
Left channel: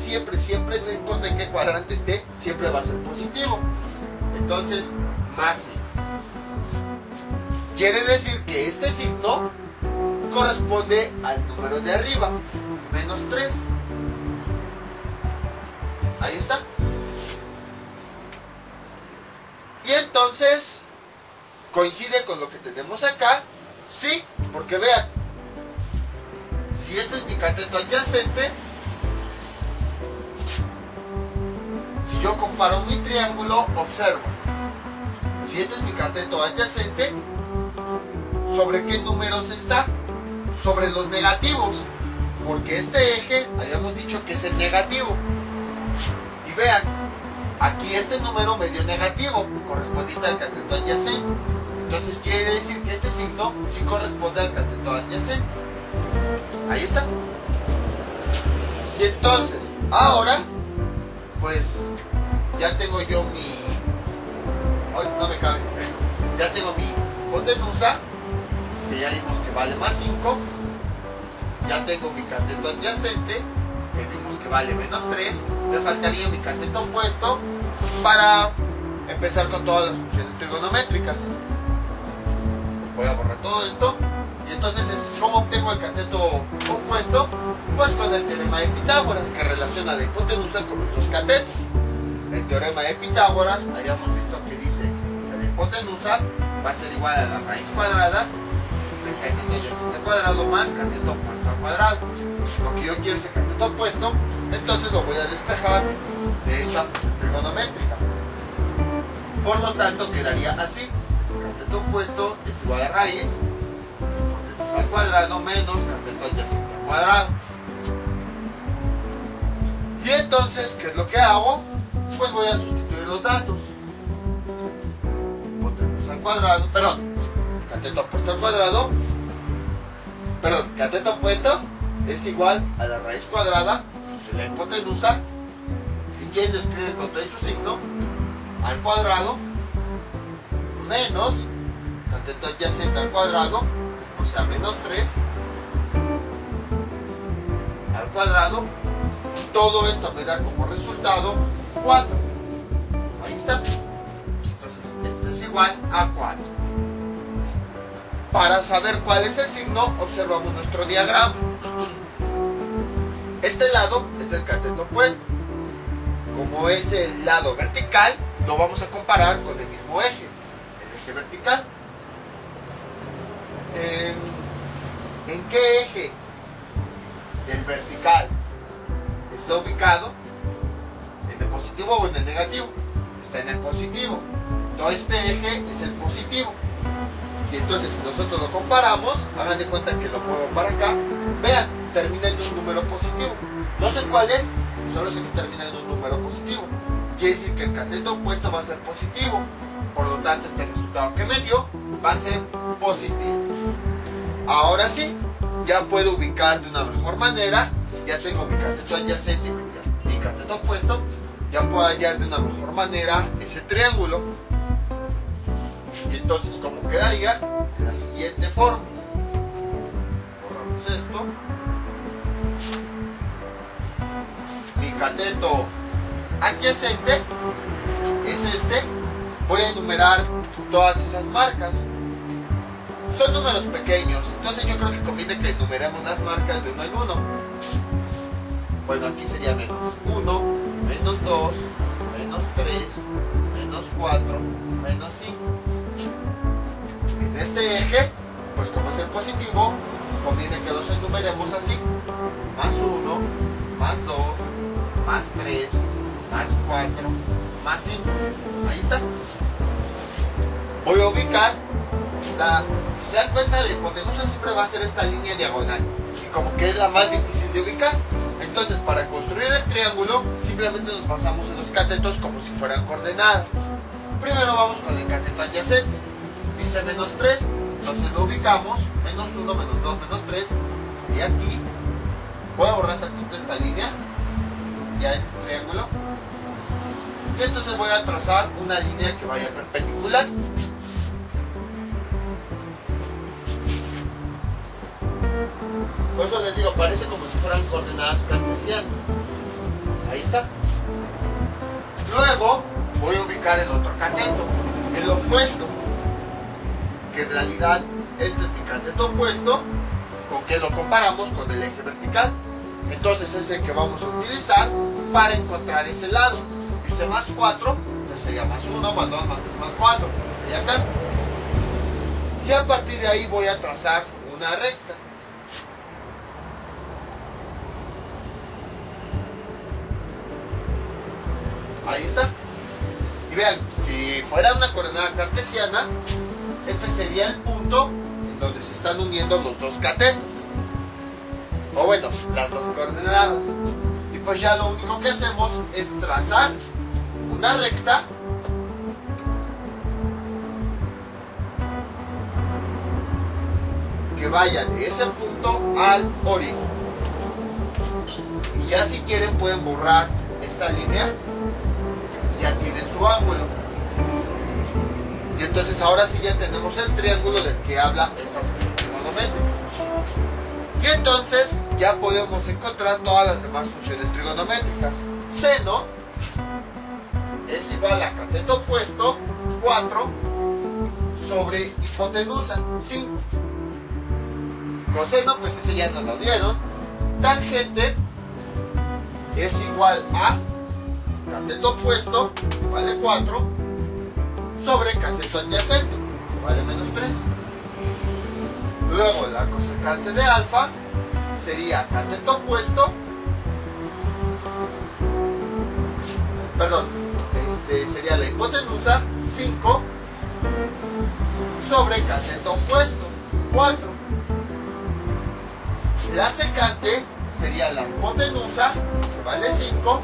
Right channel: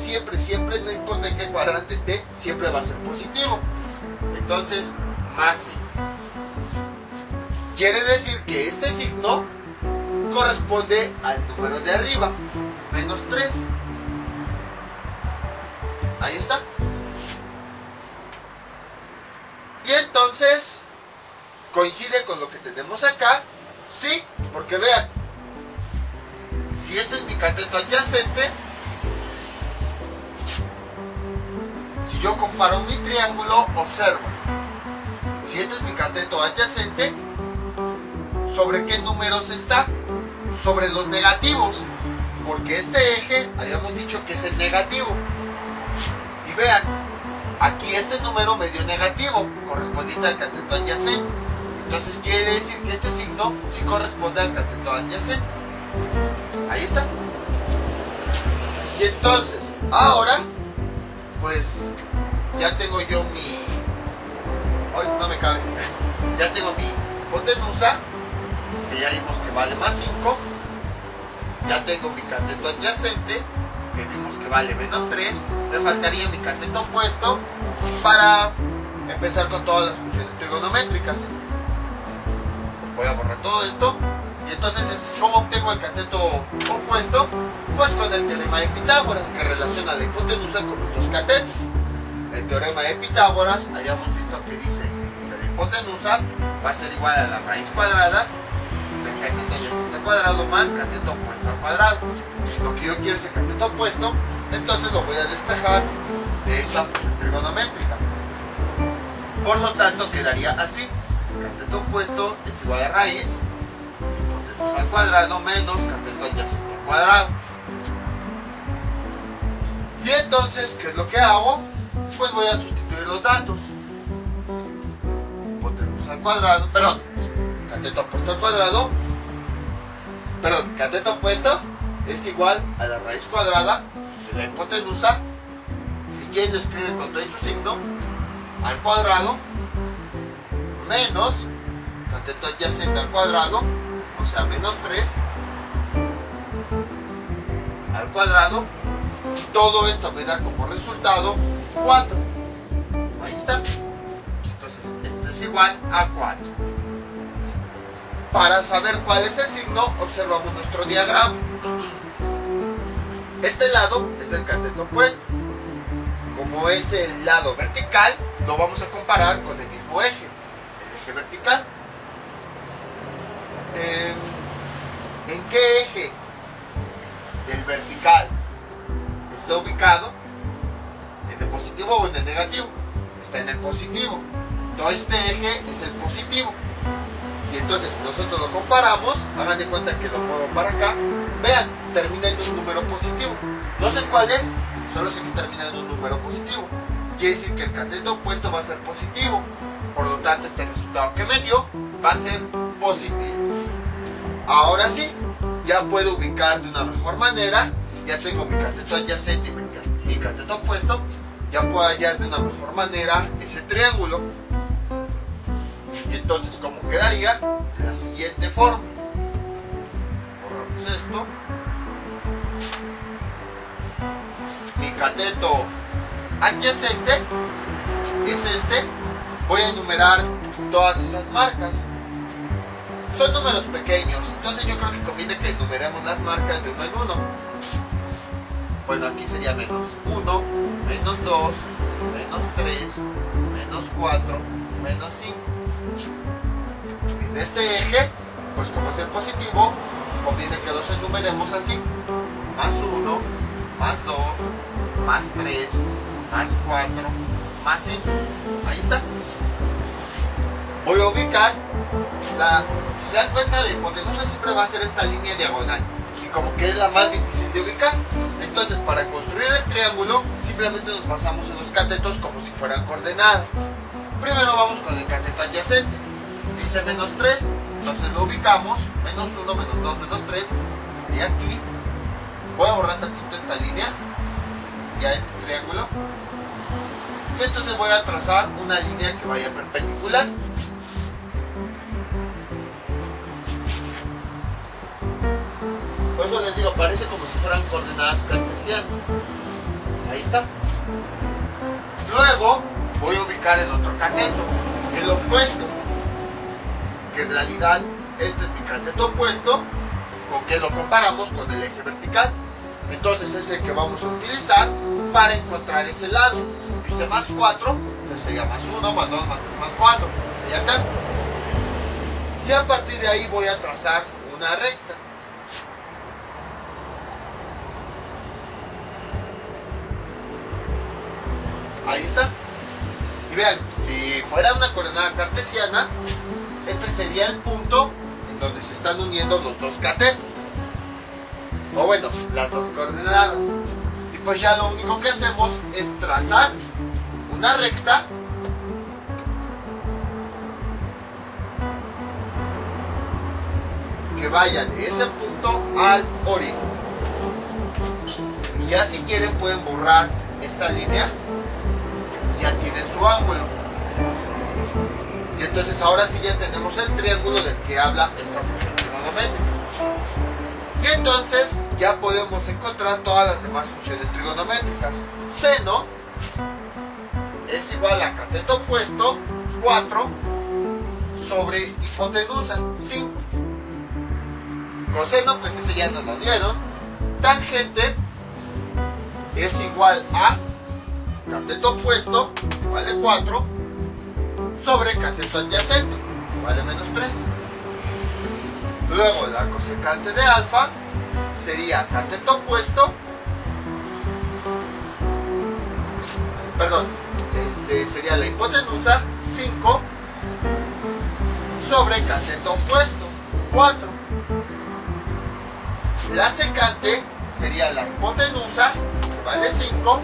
no importa en qué cuadrante esté, siempre va a ser positivo. Entonces, más I. Quiere decir que este signo corresponde al número de arriba, menos 3. Ahí está. Y entonces, ¿coincide con lo que tenemos acá? Sí, porque vean, si este es mi cateto adyacente, si yo comparo mi triángulo, observo, si este es mi cateto adyacente, ¿sobre qué números está? Sobre los negativos, porque este eje habíamos dicho que es el negativo. Y vean, aquí este número me dio negativo, correspondiente al cateto adyacente. Entonces quiere decir que este signo sí corresponde al cateto adyacente. Ahí está. Y entonces, ahora, pues, ya tengo yo mi... Ay, no me cabe. Ya tengo mi hipotenusa, que ya vimos que vale más 5. Ya tengo mi cateto adyacente, que vimos que vale menos 3. Me faltaría mi cateto opuesto para empezar con todas las funciones trigonométricas. Voy a borrar todo esto. Y entonces, ¿cómo obtengo el cateto opuesto? Pues con el teorema de Pitágoras, que relaciona la hipotenusa con los dos catetos. El teorema de Pitágoras, habíamos visto que dice que la hipotenusa va a ser igual a la raíz cuadrada del cateto adyacente al cuadrado más cateto opuesto al cuadrado. Lo que yo quiero es el cateto opuesto, entonces lo voy a despejar de esta función trigonométrica. Por lo tanto, quedaría así. Cateto opuesto es igual a raíz al cuadrado menos cateto adyacente al cuadrado. Y entonces, ¿qué es lo que hago? Pues voy a sustituir los datos. Hipotenusa al cuadrado, perdón, cateto opuesto al cuadrado, perdón, cateto opuesto es igual a la raíz cuadrada de la hipotenusa, si quieren lo escriben con todo su signo, al cuadrado, menos cateto adyacente al cuadrado, o sea, menos 3 al cuadrado. Todo esto me da como resultado 4. Ahí está. Entonces, esto es igual a 4. Para saber cuál es el signo, observamos nuestro diagrama. Este lado es el cateto opuesto. Como es el lado vertical, lo vamos a comparar con el mismo eje, el eje vertical. ¿En qué eje del vertical está ubicado? ¿En el positivo o en el negativo? Está en el positivo. Todo este eje es el positivo. Y entonces, si nosotros lo comparamos, hagan de cuenta que lo muevo para acá. Vean, termina en un número positivo. No sé cuál es, solo sé que termina en un número positivo. Quiere decir que el cateto opuesto va a ser positivo. Por lo tanto, este resultado que me dio va a ser positivo. Ahora sí, ya puedo ubicar de una mejor manera. Si ya tengo mi cateto adyacente y mi cateto opuesto, ya puedo hallar de una mejor manera ese triángulo. Y entonces, ¿cómo quedaría? De la siguiente forma. Borramos esto. Mi cateto adyacente es este. Voy a enumerar todas esas marcas. Son números pequeños, entonces yo creo que conviene que enumeremos las marcas de uno en uno. Bueno, aquí sería menos 1, menos 2, menos 3, menos 4, menos 5. En este eje, pues como es el positivo, conviene que los enumeremos así. Más 1, más 2, más 3, más 4, más 5. Ahí está. Voy a ubicar si se dan cuenta, la hipotenusa siempre va a ser esta línea diagonal. Y como que es la más difícil de ubicar. Entonces, para construir el triángulo, simplemente nos basamos en los catetos como si fueran coordenadas. Primero vamos con el cateto adyacente. Dice menos 3, entonces lo ubicamos. Menos 1, menos 2, menos 3. Sería aquí. Voy a borrar tantito esta línea. Ya este triángulo. Y entonces voy a trazar una línea que vaya perpendicular. Por eso les digo, parece como si fueran coordenadas cartesianas. Ahí está. Luego voy a ubicar el otro cateto, el opuesto. Que en realidad este es mi cateto opuesto, con que lo comparamos con el eje vertical. Entonces es el que vamos a utilizar para encontrar ese lado. Dice más 4, entonces sería más 1, más 2, más 3, más 4. Sería acá. Y a partir de ahí voy a trazar una recta. Ahí está. Y vean, si fuera una coordenada cartesiana, este sería el punto en donde se están uniendo los dos catetos. O bueno, las dos coordenadas. Y pues ya lo único que hacemos es trazar una recta que vaya de ese punto al origen. Y ya si quieren pueden borrar esta línea. Ya tienen su ángulo. Y entonces ahora sí ya tenemos el triángulo del que habla esta función trigonométrica. Y entonces ya podemos encontrar todas las demás funciones trigonométricas. Seno es igual a cateto opuesto 4 sobre hipotenusa 5. Coseno, pues ese ya nos lo dieron. Tangente es igual a cateto opuesto, que vale 4, sobre cateto adyacente, que vale menos 3. Luego la cosecante de alfa sería cateto opuesto, sería la hipotenusa 5 sobre cateto opuesto 4. La secante sería la hipotenusa, que vale 5,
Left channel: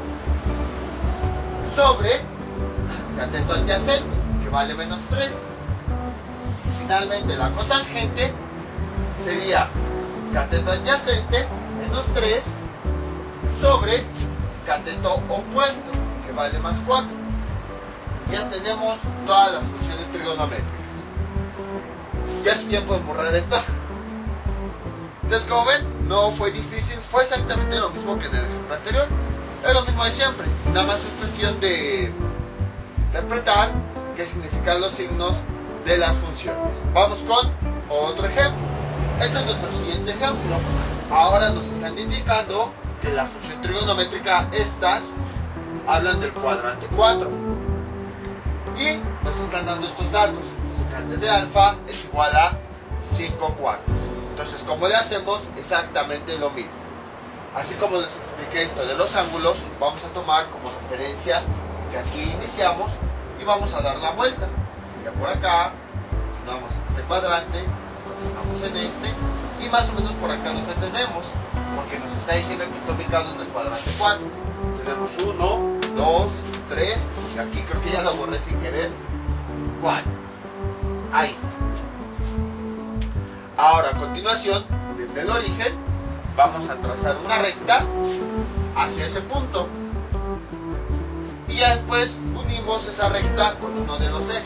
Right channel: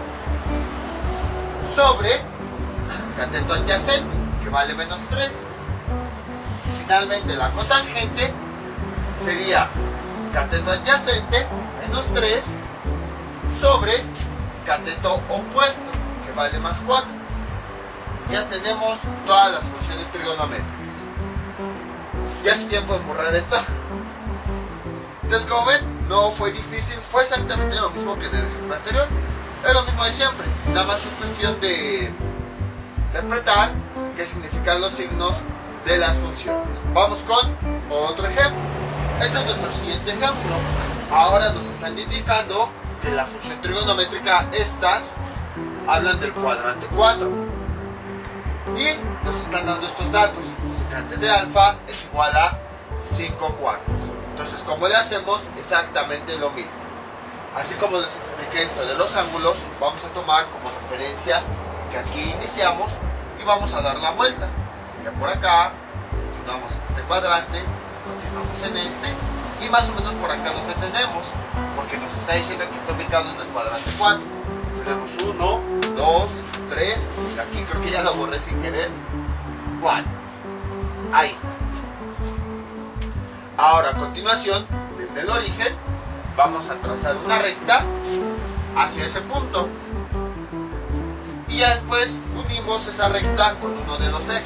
sobre cateto adyacente, que vale menos 3. Finalmente la cotangente sería cateto adyacente menos 3 sobre cateto opuesto, que vale más 4. Ya tenemos todas las funciones trigonométricas. Ya si bien pueden borrar esto. Entonces, como ven, no fue difícil, fue exactamente lo mismo que en el ejemplo anterior. Es lo mismo de siempre, nada más es cuestión de interpretar qué significan los signos de las funciones. Vamos con otro ejemplo. Este es nuestro siguiente ejemplo. Ahora nos están indicando que la función trigonométrica estas hablan del cuadrante 4 y nos están dando estos datos. Secante de alfa es igual a 5 cuartos. Entonces, como le hacemos exactamente lo mismo. Así como les expliqué esto de los ángulos, vamos a tomar como referencia que aquí iniciamos y vamos a dar la vuelta. Sería por acá, continuamos en este cuadrante, continuamos en este y más o menos por acá nos detenemos porque nos está diciendo que está ubicado en el cuadrante 4. Tenemos 1, 2, 3 y aquí creo que ya lo borré sin querer, 4. Ahí está. Ahora a continuación, desde el origen, vamos a trazar una recta hacia ese punto y ya después unimos esa recta con uno de los ejes,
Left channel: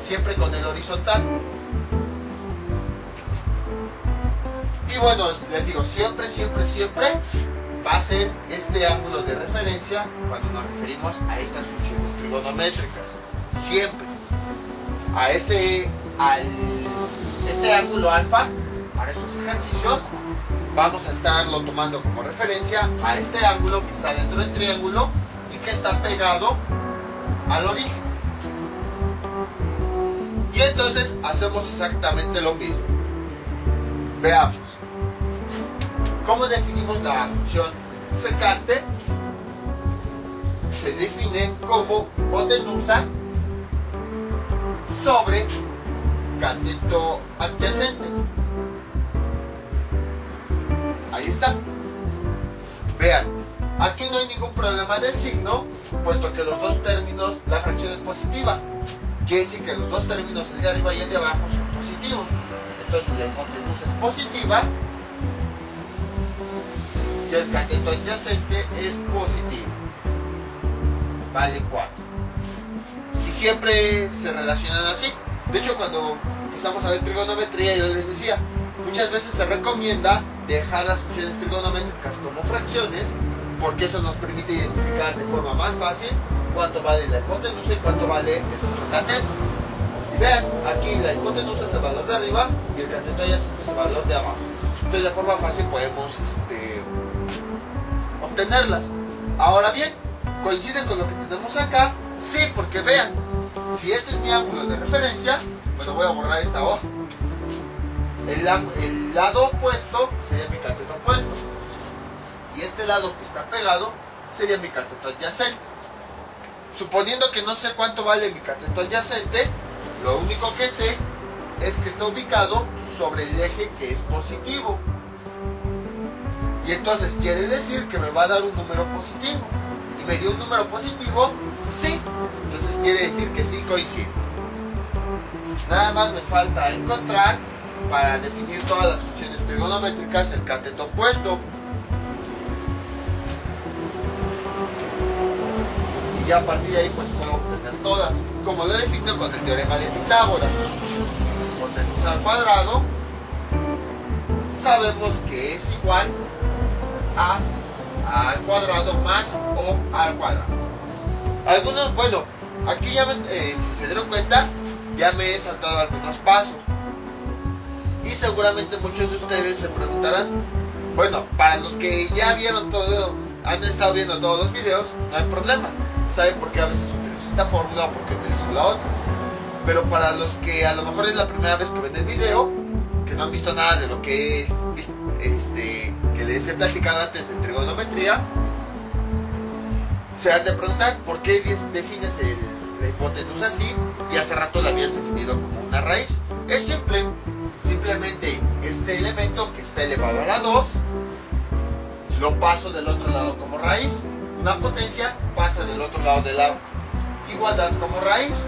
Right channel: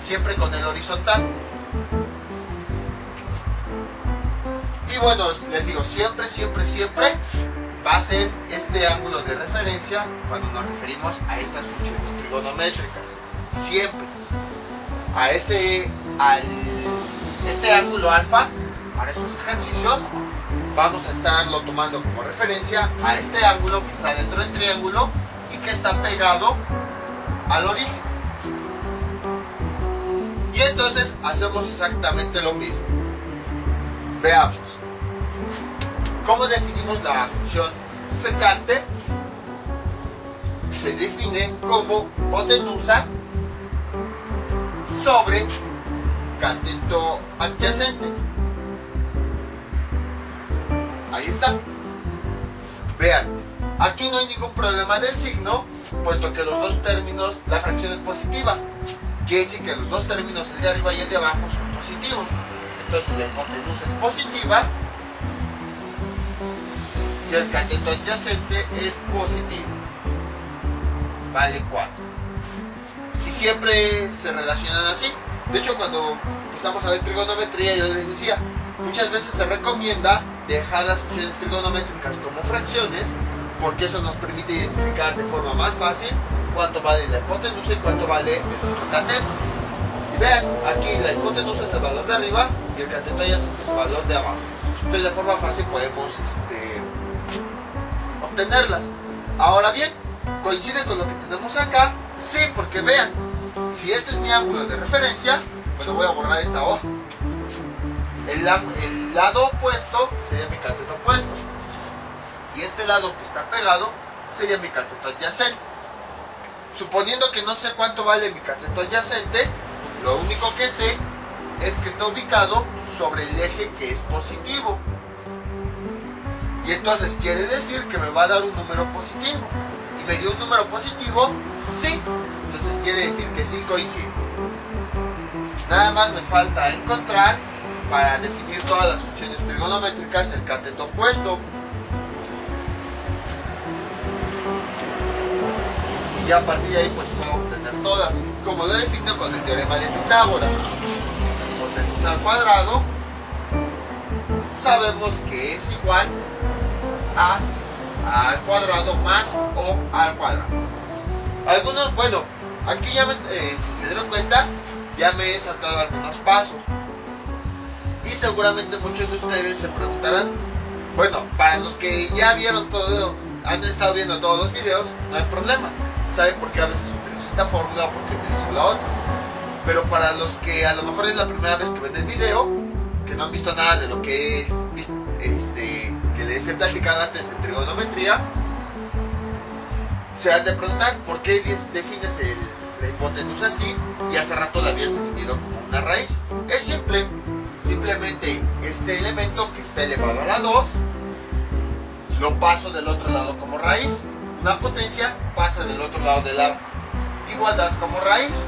siempre con el horizontal. Y bueno, les digo, siempre va a ser este ángulo de referencia cuando nos referimos a estas funciones trigonométricas. Siempre a este ángulo alfa, para estos ejercicios, vamos a estarlo tomando como referencia a este ángulo que está dentro del triángulo y que está pegado al origen. Y entonces hacemos exactamente lo mismo. Veamos. ¿Cómo definimos la función secante? Se define como hipotenusa sobre cateto adyacente. Ahí está. Vean, aquí no hay ningún problema del signo, puesto que los dos términos, la fracción es positiva. Quiere decir que los dos términos, el de arriba y el de abajo, son positivos. Entonces la hipotenusa es positiva y el cateto adyacente es positivo. Vale 4. Y siempre se relacionan así. De hecho, cuando empezamos a ver trigonometría, yo les decía, muchas veces se recomienda dejar las funciones trigonométricas como fracciones, porque eso nos permite identificar de forma más fácil cuánto vale la hipotenusa y cuánto vale el otro cateto. Y vean, aquí la hipotenusa es el valor de arriba y el cateto adyacente es el valor de abajo. Entonces de forma fácil podemos obtenerlas. Ahora bien, ¿coincide con lo que tenemos acá? Sí, porque vean, si este es mi ángulo de referencia, bueno, voy a borrar esta hoja. El lado opuesto sería mi cateto opuesto y este lado que está pegado sería mi cateto adyacente. Suponiendo que no sé cuánto vale mi cateto adyacente, lo único que sé es que está ubicado sobre el eje que es positivo. Y entonces quiere decir que me va a dar un número positivo. Y me dio un número positivo, sí. Entonces quiere decir que sí coincide. Nada más me falta encontrar, para definir todas las funciones trigonométricas, el cateto opuesto. Y ya a partir de ahí pues puedo obtener todas, como lo defino con el teorema de Pitágoras. Hipotenusa al cuadrado sabemos que es igual a al cuadrado más o al cuadrado. Algunos, bueno, aquí ya si se dieron cuenta, ya me he saltado algunos pasos. Y seguramente muchos de ustedes se preguntarán, bueno, para los que ya vieron todo, han estado viendo todos los videos, no hay problema. Saben por qué a veces utilizo esta fórmula o por qué utilizo la otra. Pero para los que a lo mejor es la primera vez que ven el video, que no han visto nada de lo que que les he platicado antes de trigonometría, se han de preguntar por qué defines la hipotenusa así y hace rato la habías definido como una raíz. Es simple. Simplemente este elemento que está elevado a la 2 lo paso del otro lado como raíz. Una potencia pasa del otro lado de la igualdad como raíz.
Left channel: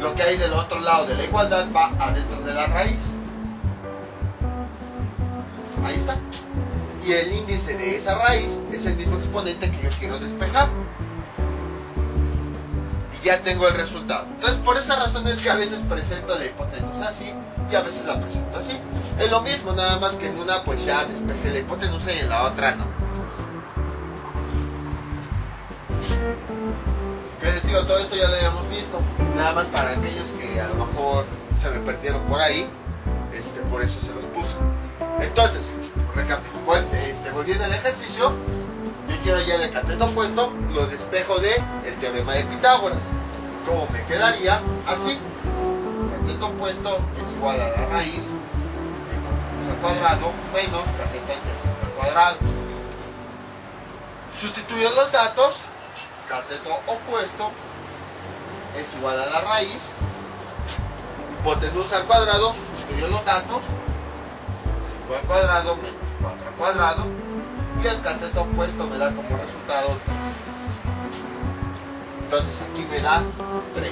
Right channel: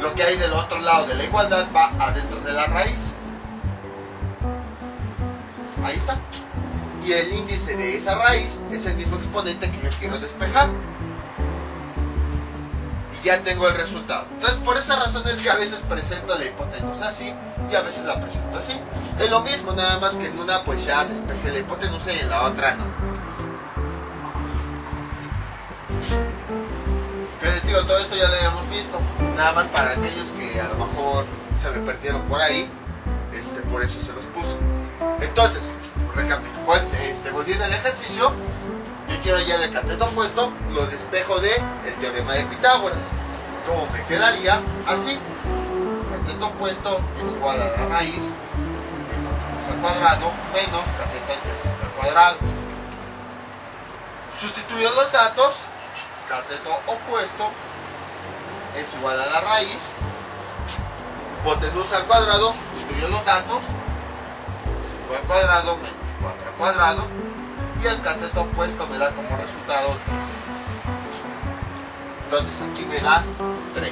Lo que hay del otro lado de la igualdad va adentro de la raíz. Ahí está. Y el índice de esa raíz es el mismo exponente que yo quiero despejar. Y ya tengo el resultado. Entonces por esa razón es que a veces presento la hipotenusa así y a veces la presento así. Es lo mismo, nada más que en una pues ya despejé la hipotenusa y en la otra no. Que les digo, todo esto ya lo habíamos visto, nada más para aquellos que a lo mejor se me perdieron por ahí, por eso se los puse. Entonces, volviendo al ejercicio, y quiero hallar el cateto opuesto, lo despejo de el teorema de Pitágoras. ¿Cómo me quedaría? Así. Cateto opuesto es igual a la raíz de hipotenusa al cuadrado menos cateto adyacente al cuadrado. Sustituyo los datos. Cateto opuesto es igual a la raíz. Hipotenusa al cuadrado, sustituyo los datos. 5 al cuadrado menos 4 al cuadrado. Y el cateto opuesto me da como resultado 3. Entonces aquí me da 3.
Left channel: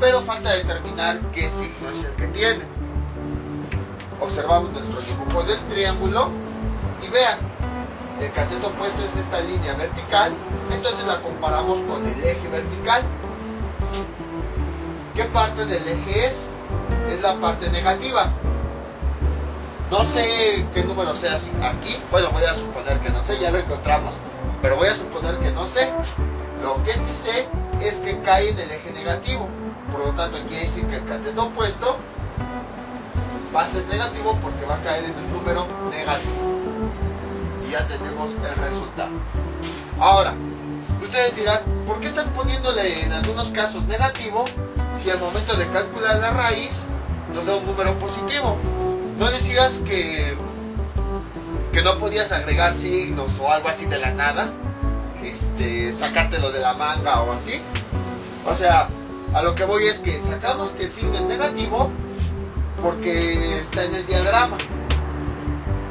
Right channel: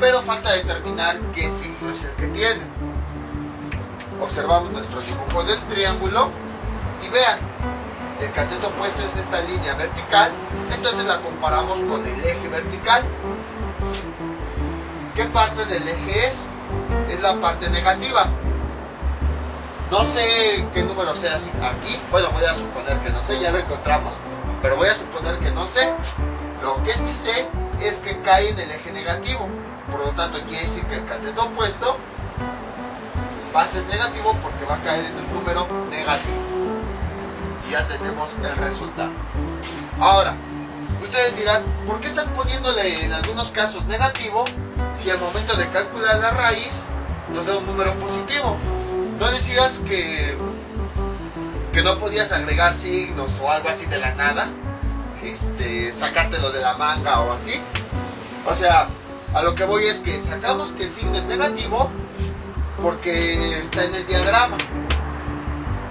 Pero falta determinar qué signo es el que tiene. Observamos nuestro dibujo del triángulo y vean, el cateto opuesto es esta línea vertical, entonces la comparamos con el eje vertical. ¿Qué parte del eje es? Es la parte negativa. No sé qué número sea así aquí, bueno, voy a suponer que no sé, ya lo encontramos, pero voy a suponer que no sé. Lo que sí sé es que cae en el eje negativo, por lo tanto quiere decir que el cateto opuesto va a ser negativo porque va a caer en el número negativo. Y ya tenemos el resultado. Ahora, ustedes dirán, ¿por qué estás poniéndole en algunos casos negativo si al momento de calcular la raíz nos da un número positivo? ¿No decías que no podías agregar signos o algo así de la nada? Sacártelo de la manga o así. O sea, a lo que voy es que sacamos que el signo es negativo porque está en el diagrama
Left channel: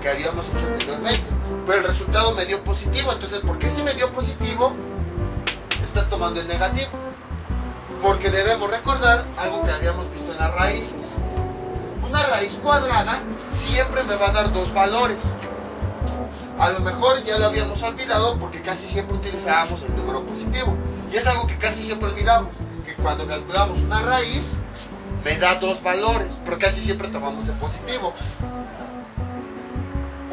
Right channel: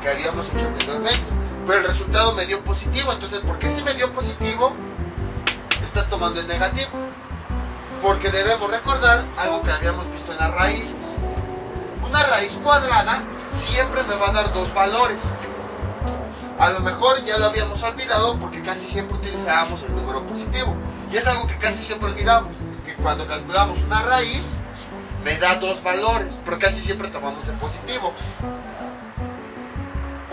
que habíamos hecho anteriormente, pero el resultado me dio positivo. Entonces, ¿por qué si me dio positivo estás tomando el negativo? Porque debemos recordar algo que habíamos visto en las raíces. Una raíz cuadrada siempre me va a dar dos valores. A lo mejor ya lo habíamos olvidado porque casi siempre utilizábamos el número positivo. Y es algo que casi siempre olvidamos, que cuando calculamos una raíz me da dos valores, pero casi siempre tomamos el positivo.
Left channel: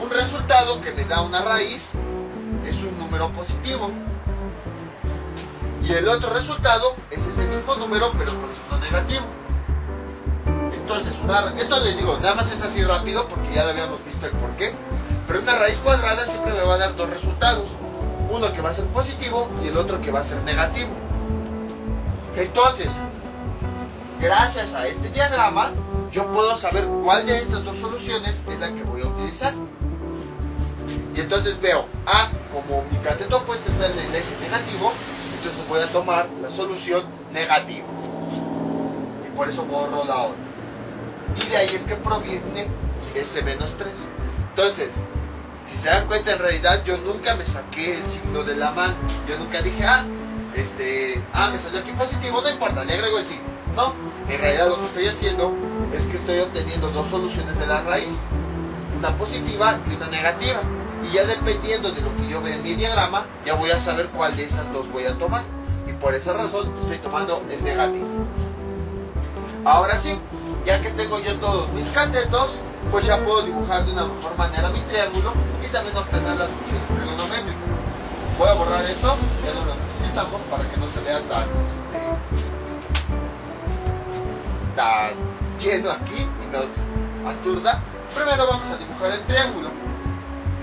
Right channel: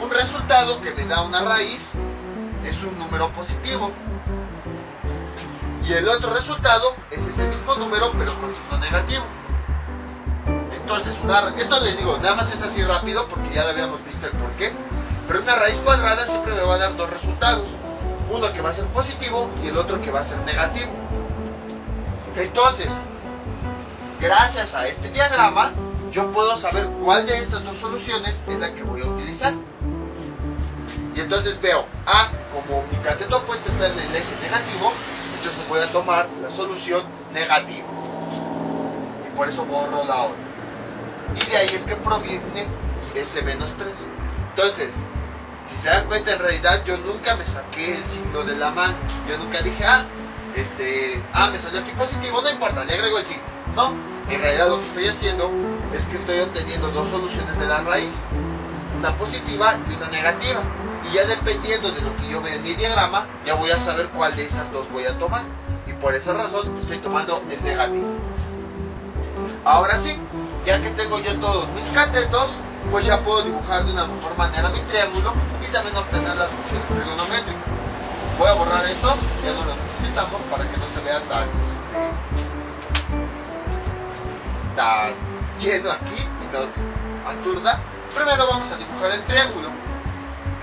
Un resultado que me da una raíz es un número positivo. Y el otro resultado es ese mismo número pero con signo negativo. Entonces, esto les digo, nada más es así rápido porque ya lo habíamos visto el porqué. Pero una raíz cuadrada siempre me va a dar dos resultados. Uno que va a ser positivo y el otro que va a ser negativo. Entonces, gracias a este diagrama, yo puedo saber cuál de estas dos soluciones es la que voy a utilizar. Y entonces veo, como mi cateto opuesto está en el eje negativo, entonces voy a tomar la solución negativa. Y por eso borro la otra. Y de ahí es que proviene ese menos 3. Entonces, si se dan cuenta, en realidad yo nunca me saqué el signo de la mano. Yo nunca dije, me salió aquí positivo, no importa, le agrego el signo. No, en realidad lo que estoy haciendo es que estoy obteniendo dos soluciones de la raíz. Una positiva y una negativa. Y ya dependiendo de lo que yo vea en mi diagrama, ya voy a saber cuál de esas dos voy a tomar. Y por esa razón estoy tomando el negativo. Ahora sí, ya que tengo yo todos mis catetos, pues ya puedo dibujar de una mejor manera mi triángulo y también obtener las funciones trigonométricas. Voy a borrar esto, ya no lo necesitamos para que no se vea tan lleno aquí y nos aturda. Primero vamos a dibujar el triángulo.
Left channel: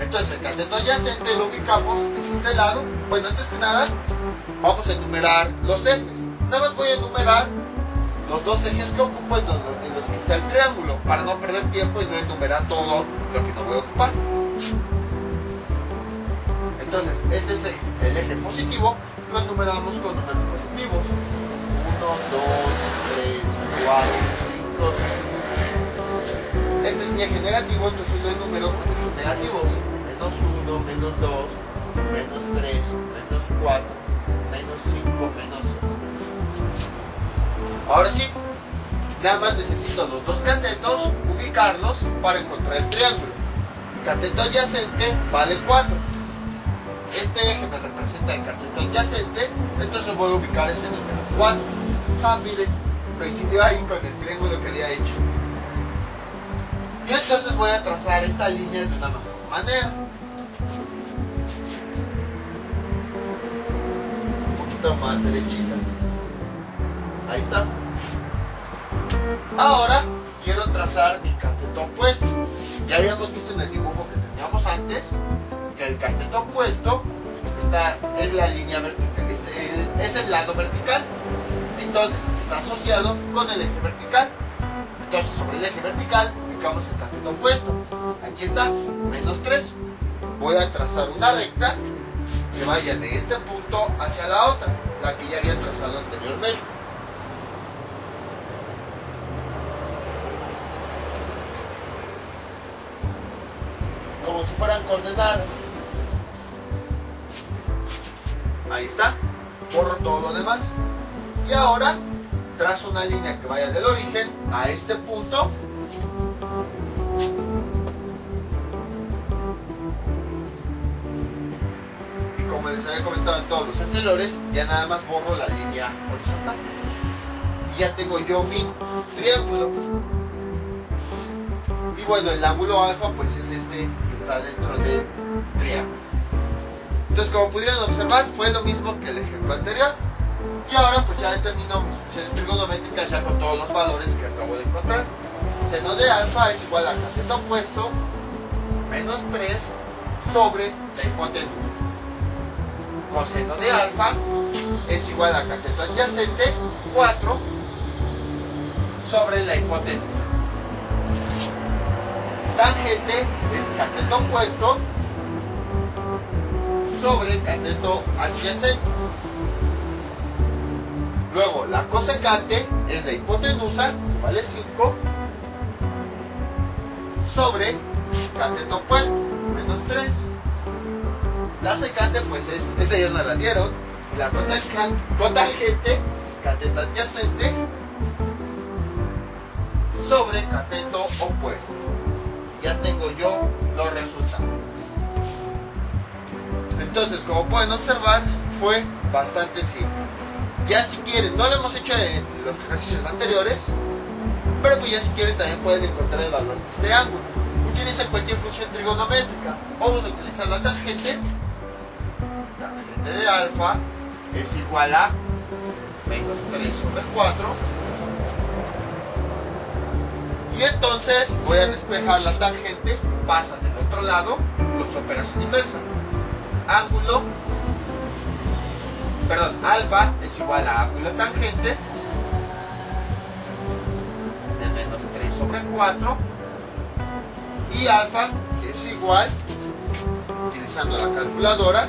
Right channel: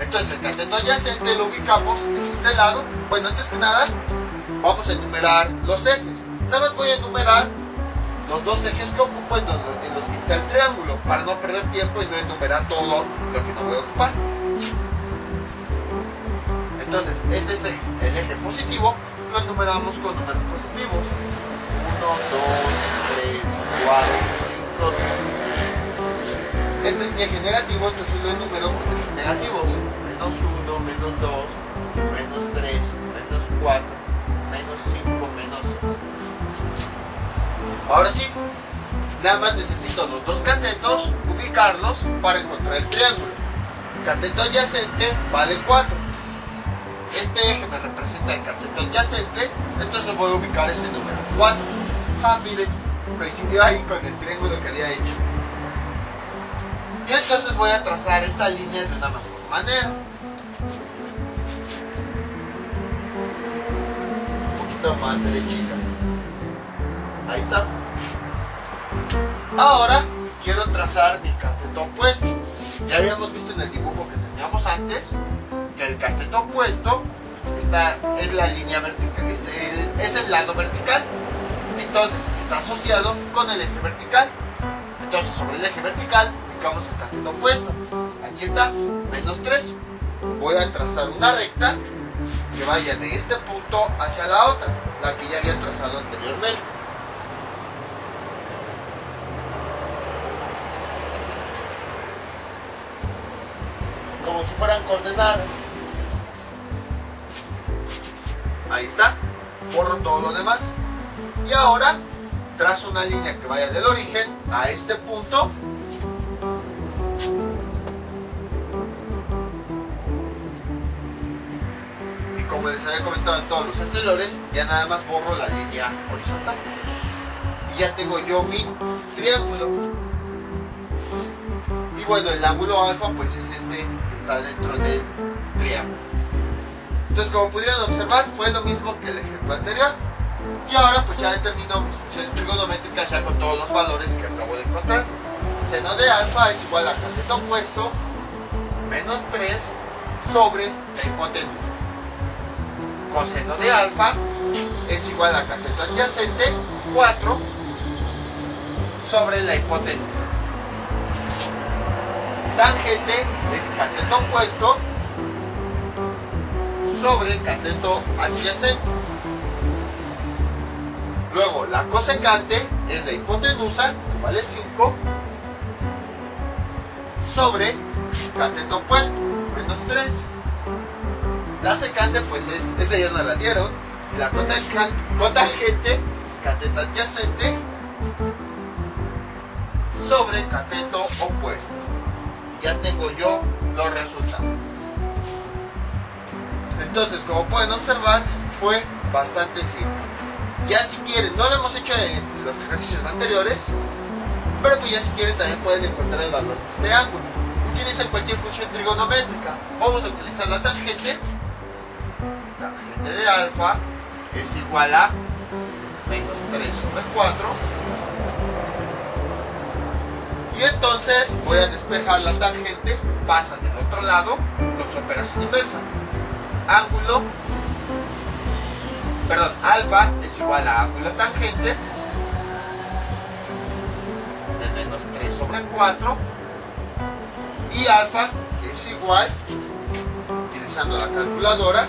Entonces el cateto adyacente lo ubicamos en este lado. Bueno, antes que nada vamos a enumerar los ejes. Nada más voy a enumerar los dos ejes que ocupo en los que está el triángulo, para no perder tiempo y no enumerar todo lo que no voy a ocupar. Entonces, este es el eje positivo, lo enumeramos con números positivos. 1, 2, 3, 4, 5, 6. Este es mi eje negativo, entonces lo enumero con ejes negativos. Menos 1, menos 2, menos 3, menos 4, menos 5, menos 6. Ahora sí, nada más necesito los dos catetos, ubicarlos para encontrar el triángulo. Cateto adyacente vale 4. Este eje me representa el cateto adyacente, Entonces voy a ubicar ese número 4. Ah, miren, coincidió ahí con el triángulo que había hecho. Y entonces voy a trazar esta línea de una mejor manera. Un poquito más derechita. Ahí está. Ahora quiero trazar mi cateto opuesto. Ya habíamos visto en el dibujo que teníamos antes que el cateto opuesto es la línea vertical, es el lado vertical. Entonces está asociado con el eje vertical. Entonces sobre el eje vertical ubicamos el cateto opuesto. Aquí está, menos 3. Voy a trazar una recta que vaya de este punto hacia la otra, la que ya había trazado anteriormente. Como si fueran coordenadas. Ahí está. Borro todo lo demás. Y ahora trazo una línea que vaya del origen a este punto. Y como les había comentado en todos los anteriores, ya nada más borro la línea horizontal. Y ya tengo yo mi triángulo. Y bueno, el ángulo alfa pues es este que está dentro del triángulo. Entonces, como pudieron observar, fue lo mismo que el ejemplo anterior. Y ahora pues ya determino mis funciones trigonométricas ya con todos los valores que acabo de encontrar. Seno de alfa es igual a cateto opuesto menos 3 sobre la hipotenusa. Coseno de alfa es igual a cateto adyacente 4 sobre la hipotenusa. Tangente es cateto opuesto sobre cateto adyacente. Luego la cosecante es la hipotenusa, que vale 5, sobre cateto opuesto, menos 3. La secante pues esa ya no la dieron. Y la cotangente, cateto adyacente, sobre cateto opuesto. Y ya tengo yo los resultados. Entonces, como pueden observar, fue bastante simple. Ya si quieren, no lo hemos hecho en los ejercicios anteriores, pero pues ya si quieren también pueden encontrar el valor de este ángulo. Utilicen cualquier función trigonométrica. Vamos a utilizar la tangente. Tangente de alfa es igual a menos 3 sobre 4. Y entonces voy a despejar la tangente, pasa del otro lado con su operación inversa. Alfa es igual a ángulo tangente de menos 3 sobre 4 y alfa es igual, utilizando la calculadora,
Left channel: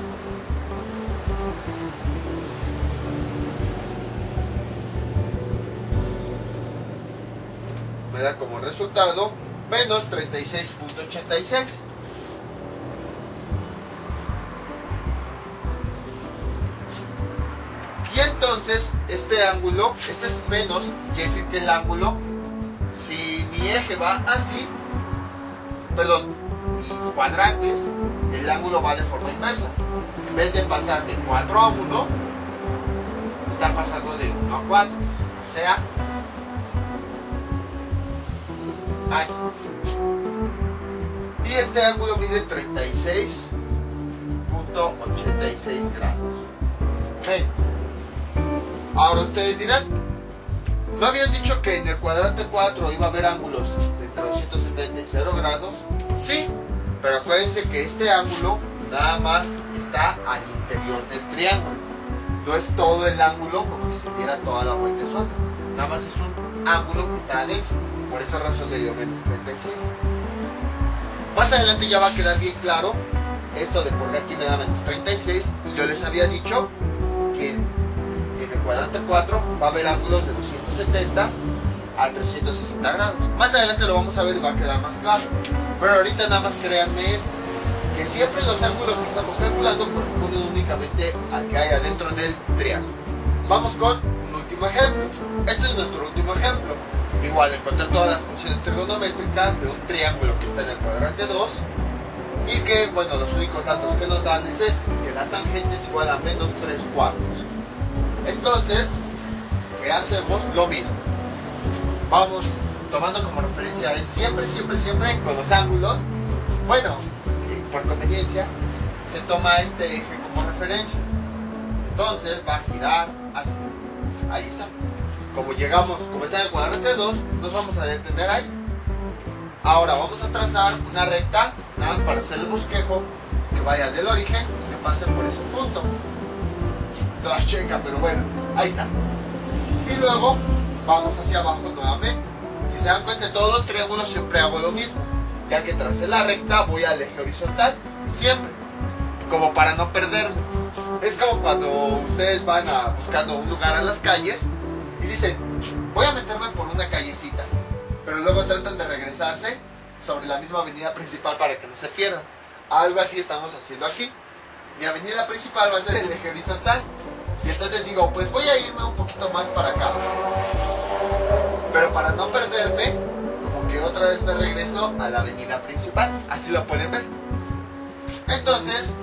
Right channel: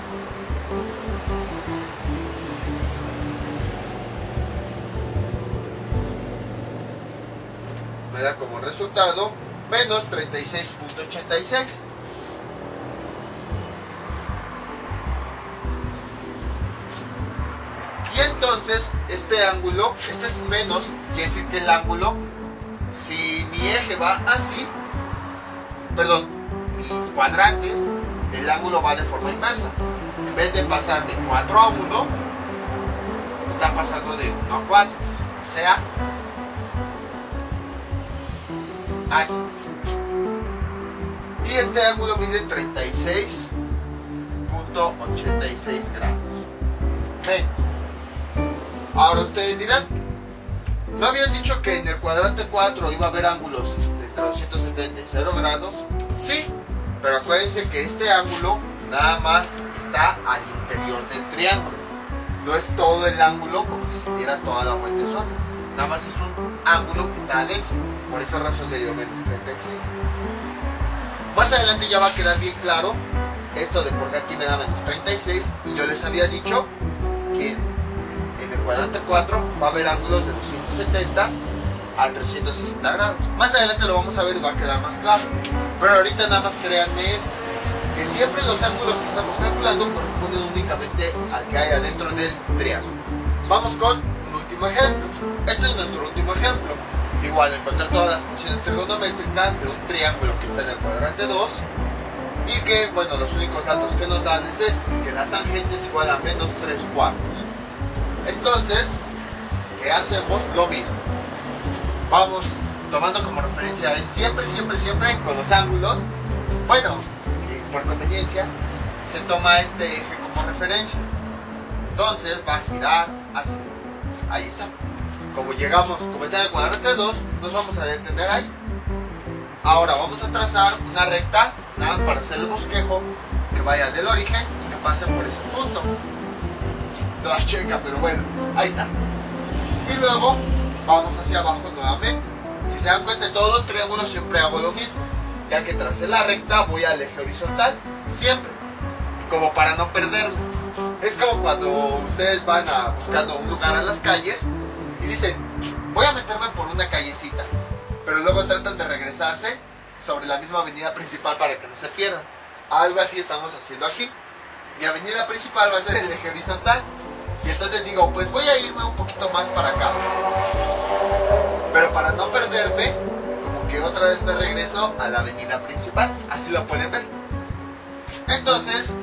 me da como resultado menos 36.86. Y entonces este ángulo, este es menos, quiere decir que el ángulo, si mi eje va así, perdón, mis cuadrantes, el ángulo va de forma inversa. En vez de pasar de 4 a 1, está pasando de 1 a 4. O sea, así. Y este ángulo mide 36.86 grados. Ven. Ahora ustedes dirán, ¿no habías dicho que en el cuadrante 4 iba a haber ángulos de entre 270 y 0 grados? Sí, pero acuérdense que este ángulo nada más está al interior del triángulo. No es todo el ángulo como si se diera toda la vuelta sola. Nada más es un ángulo que está adentro. Por esa razón le dio menos 36. Más adelante ya va a quedar bien claro esto de por qué aquí me da menos 36. Y yo les había dicho que en el cuadrante 4 va a haber ángulos de 270 a 360 grados. Más adelante lo vamos a ver y va a quedar más claro. Pero ahorita nada más créanme esto, que siempre los ángulos que estamos calculando corresponden únicamente al que hay adentro del triángulo. Vamos con un último ejemplo. Este es nuestro último ejemplo. Igual encontrar todas las funciones trigonométricas de un triángulo que está en el cuadrante 2 y que, bueno, los únicos datos que nos dan es esto, que la tangente es igual a menos 3 cuartos. Entonces, ¿qué hacemos? Lo mismo. Vamos tomando como referencia siempre con los ángulos. Bueno, por conveniencia se toma este eje como referencia. Entonces va a girar así. Ahí está. Como llegamos, como está en el cuadrante 2, nos vamos a detener ahí. Ahora vamos a trazar una recta, nada más para hacer el bosquejo, que vaya del origen y que pase por ese punto. Toda checa, pero bueno, ahí está. Y luego vamos hacia abajo nuevamente. Si se dan cuenta, de todos los triángulos siempre hago lo mismo. Ya que tracé la recta, voy al eje horizontal, siempre, como para no perderme. Es como cuando ustedes van buscando un lugar a las calles y dicen, voy a meterme por una callecita, pero luego tratan de regresarse sobre la misma avenida principal para que no se pierdan. Algo así estamos haciendo aquí. Mi avenida principal va a ser el eje horizontal, y entonces digo, pues voy a irme un poquito más para acá, pero para no perderme, como que otra vez me regreso a la avenida principal. Así lo pueden ver. Entonces,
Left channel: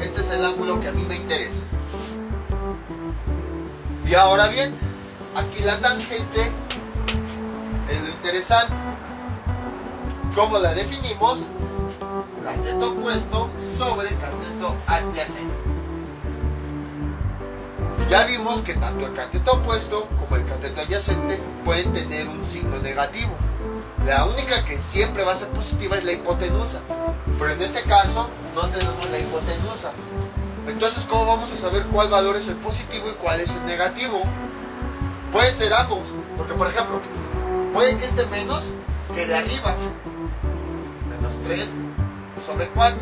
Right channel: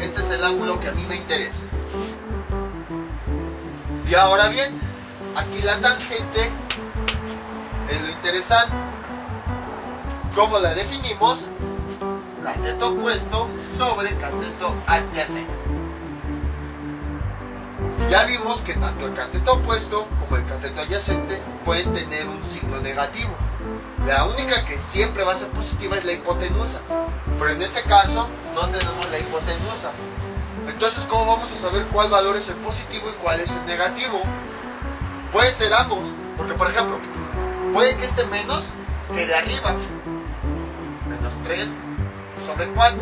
este es el ángulo que a mí me interesa. Y ahora bien, aquí la tangente es lo interesante. ¿Cómo la definimos? Cateto opuesto sobre cateto adyacente. Ya vimos que tanto el cateto opuesto como el cateto adyacente pueden tener un signo negativo. La única que siempre va a ser positiva es la hipotenusa, pero en este caso no tenemos la hipotenusa. Entonces, ¿cómo vamos a saber cuál valor es el positivo y cuál es el negativo? Puede ser ambos, porque por ejemplo, puede que este menos quede arriba, menos 3 sobre 4.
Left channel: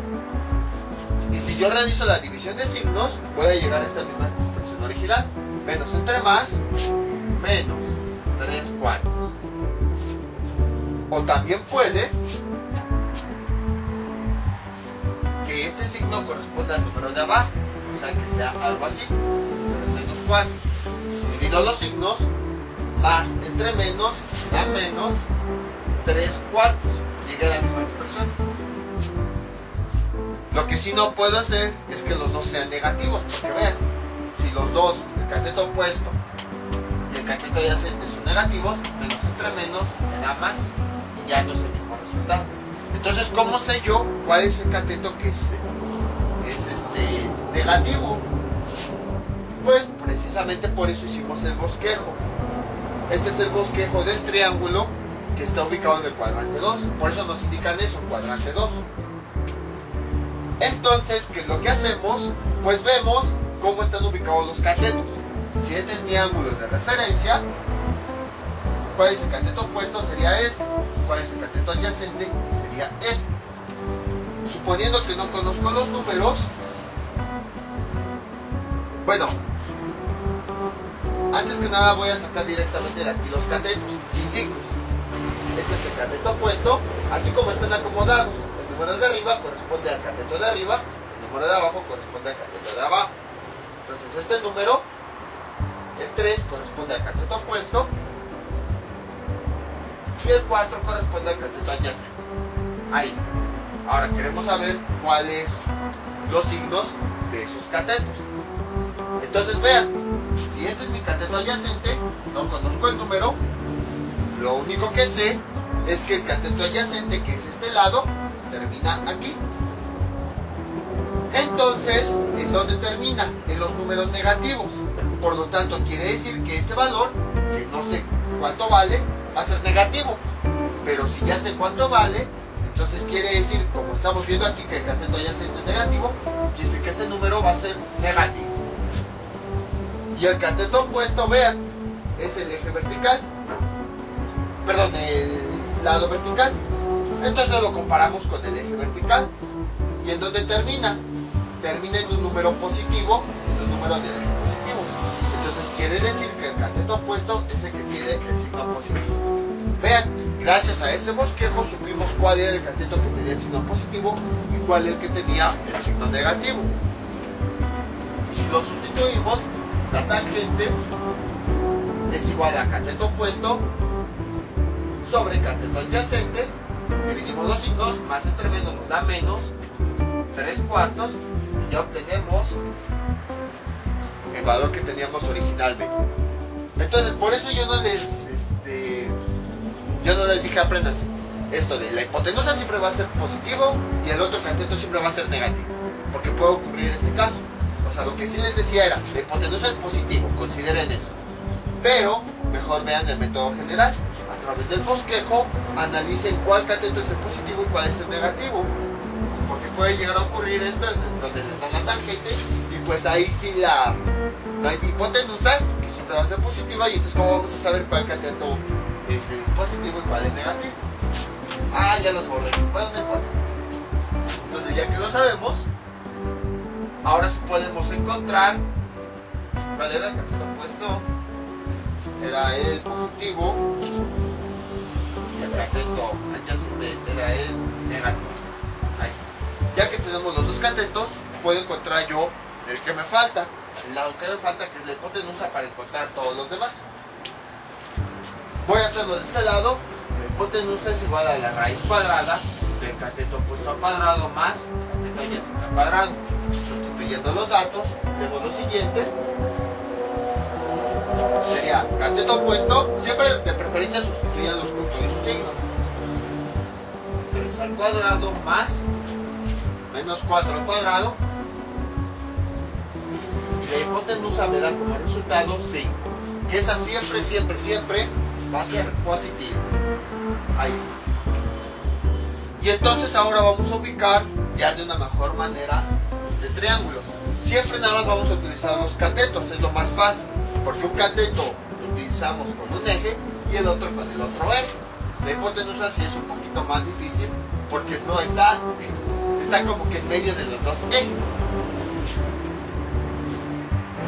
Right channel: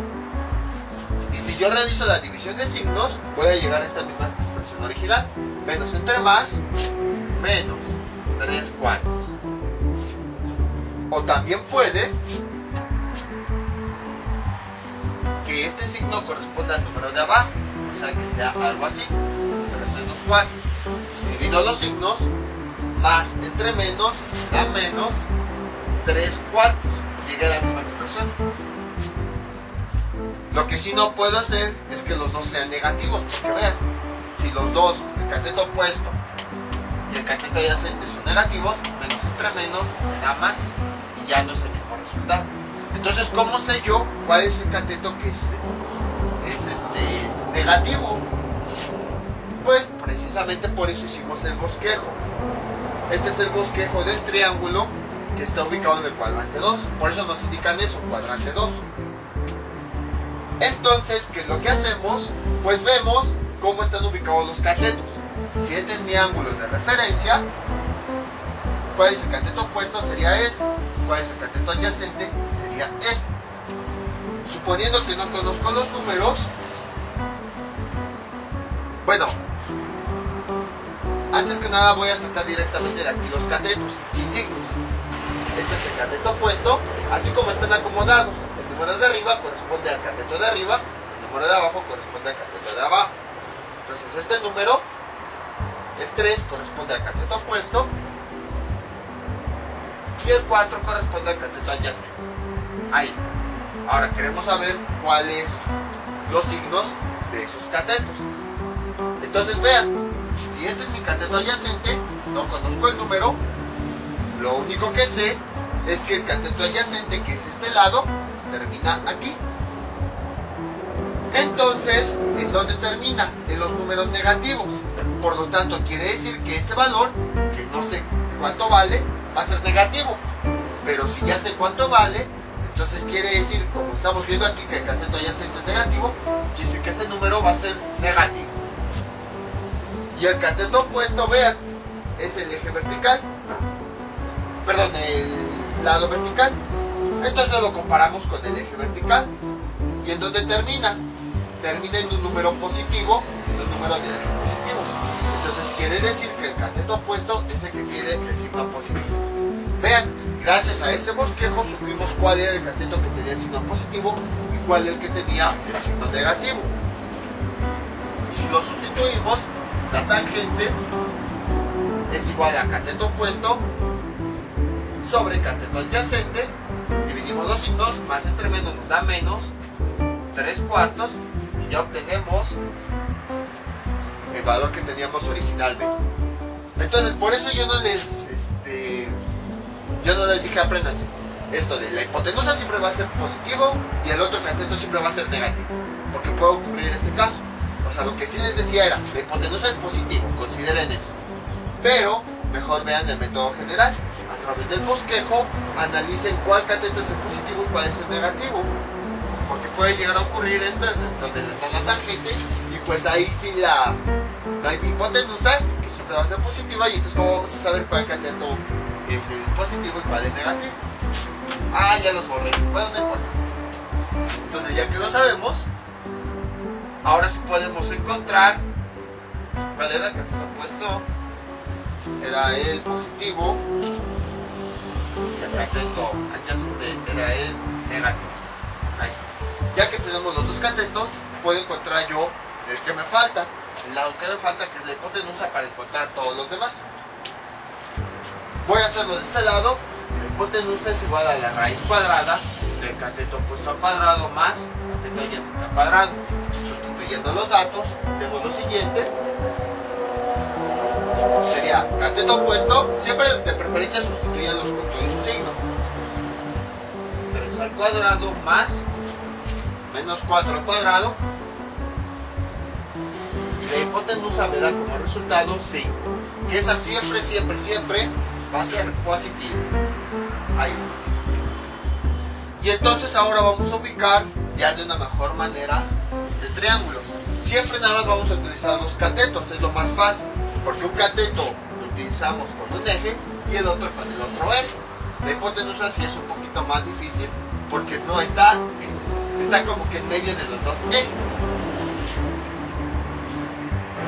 Y si yo realizo la división de signos, voy a llegar a esta misma expresión original. Menos entre más, menos 3 cuartos. O también puede que este signo corresponda al número de abajo, o sea que sea algo así, 3 menos 4. Si divido los signos, más entre menos da menos 3 cuartos. Llegué a la misma expresión. Lo que sí no puedo hacer es que los dos sean negativos, porque vean, si los dos, el cateto opuesto y el cateto adyacente son negativos, menos entre menos me da más y ya no es el mismo resultado. Entonces, ¿cómo sé yo cuál es el cateto que es negativo? Pues precisamente por eso hicimos el bosquejo. Este es el bosquejo del triángulo que está ubicado en el cuadrante 2. Por eso nos indican eso, cuadrante 2. Entonces, ¿qué es lo que hacemos? Pues vemos cómo están ubicados los catetos. Si este es mi ángulo de referencia, ¿cuál es el cateto opuesto? Sería este. ¿Cuál es el cateto adyacente? Sería este. Suponiendo que no conozco los números, bueno, antes que nada voy a sacar directamente de aquí los catetos, sin signos. Este es el cateto opuesto, así como están acomodados. El número de arriba corresponde al cateto de arriba, el número de abajo corresponde al cateto de abajo. Entonces este número, el 3, corresponde al cateto opuesto y el 4 corresponde al cateto adyacente. Ahí está. Ahora queremos saber cuáles los signos de esos catetos. Entonces vean, si este es mi cateto adyacente, no conozco el número, lo único que sé es que el cateto adyacente, que es este lado, termina aquí. Entonces, ¿en dónde termina? En los números negativos. Por lo tanto, quiere decir que este valor, que no sé cuánto vale, va a ser negativo. Pero si ya sé cuánto vale, entonces quiere decir, como estamos viendo aquí, que el cateto adyacente es negativo, quiere decir que este número va a ser negativo. Y el cateto opuesto, vean, es el eje vertical. Perdón, el lado vertical. Entonces lo comparamos con el eje vertical. ¿Y en dónde termina? Termina en un número positivo, en un número del eje positivo. Entonces quiere decir que el cateto opuesto es el que tiene el signo positivo. Vean, gracias a ese bosquejo supimos cuál era el cateto que tenía el signo positivo y cuál el que tenía el signo negativo. Y si lo sustituimos, la tangente es igual a cateto opuesto sobre cateto adyacente. Dividimos los signos, más entre menos nos da menos 3 cuartos y ya obtenemos valor que teníamos originalmente. Entonces por eso yo no les dije apréndanse esto de la hipotenusa siempre va a ser positivo y el otro cateto siempre va a ser negativo, porque puede ocurrir este caso. O sea, lo que sí les decía era, la hipotenusa es positivo, consideren eso, pero mejor vean el método general. A través del bosquejo analicen cuál cateto es el positivo y cuál es el negativo, porque puede llegar a ocurrir esto en donde les dan la tangente y pues ahí sí no hay hipotenusa, que siempre va a ser positiva, y entonces ¿cómo vamos a saber cuál cateto es el positivo y cuál es negativo? Ah, ya los borré, bueno, no importa. Entonces ya que lo sabemos, ahora sí podemos encontrar cuál era el cateto opuesto. Era el positivo y el cateto adyacente era el negativo. Ahí está. Ya que tenemos los dos catetos, puedo encontrar yo el que me falta, el lado que me falta, que es la hipotenusa, para encontrar todos los demás. Voy a hacerlo de este lado. La hipotenusa es igual a la raíz cuadrada del cateto opuesto al cuadrado más cateto adyacente al cuadrado. Sustituyendo los datos, tengo lo siguiente. Sería cateto opuesto, siempre de preferencia sustituyanlos con todo y su signo. 3 al cuadrado más menos 4 al cuadrado. Y la hipotenusa me da como resultado 5. Que esa siempre, siempre, siempre va a ser positivo. Ahí está. Y entonces ahora vamos a ubicar ya de una mejor manera este triángulo. Siempre nada más vamos a utilizar los catetos, es lo más fácil, porque un cateto lo utilizamos con un eje y el otro con el otro eje. La hipotenusa sí es un poquito más difícil porque no está como que en medio de los dos ejes.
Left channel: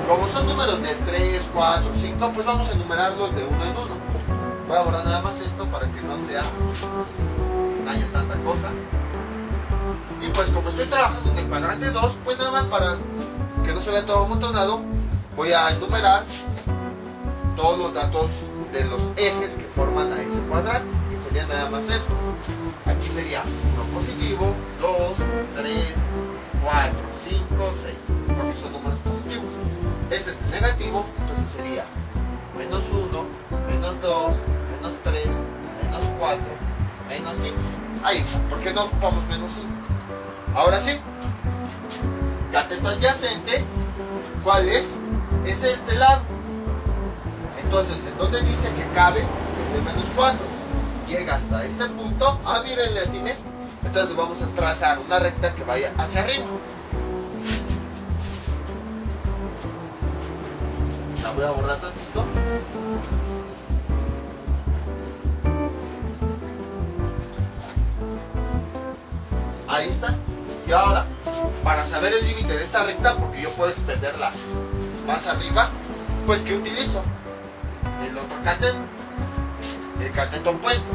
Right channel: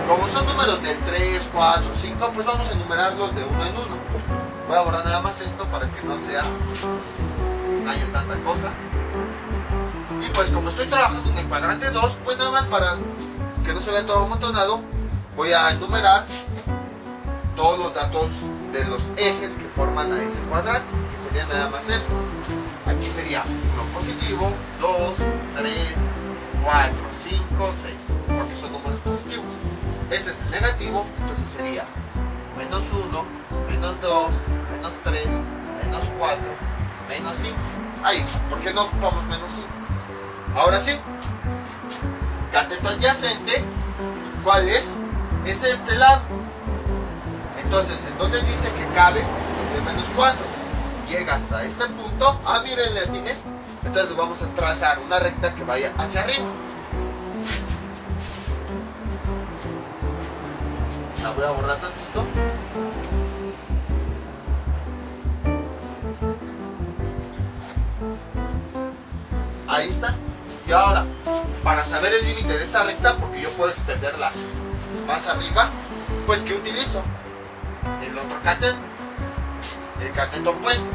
Como son números del 3, 4, 5, pues vamos a enumerarlos de uno en uno. Voy a borrar nada más esto para que no haya tanta cosa. Y pues como estoy trabajando en el cuadrante 2, pues nada más para que no se vea todo amontonado, voy a enumerar todos los datos de los ejes que forman a ese cuadrante, que sería nada más esto. Aquí sería 1 positivo, 2, 3, 4, 5, 6, porque son números positivos. Este es el negativo, entonces sería menos 1, menos 2, menos 3, menos 4, menos 5. Ahí está, ¿por qué no ocupamos menos 5? Ahora sí, cateto adyacente, ¿cuál es? Es este lado. Entonces, ¿en dónde dice que cabe? El de menos 4. Llega hasta este punto. Ah, miren, le atiné. Entonces vamos a trazar una recta que vaya hacia arriba. La voy a borrar tantito. Ahí está. Y ahora, para saber el límite de esta recta, porque yo puedo extenderla más arriba, pues ¿qué utilizo? El otro cateto, el cateto opuesto.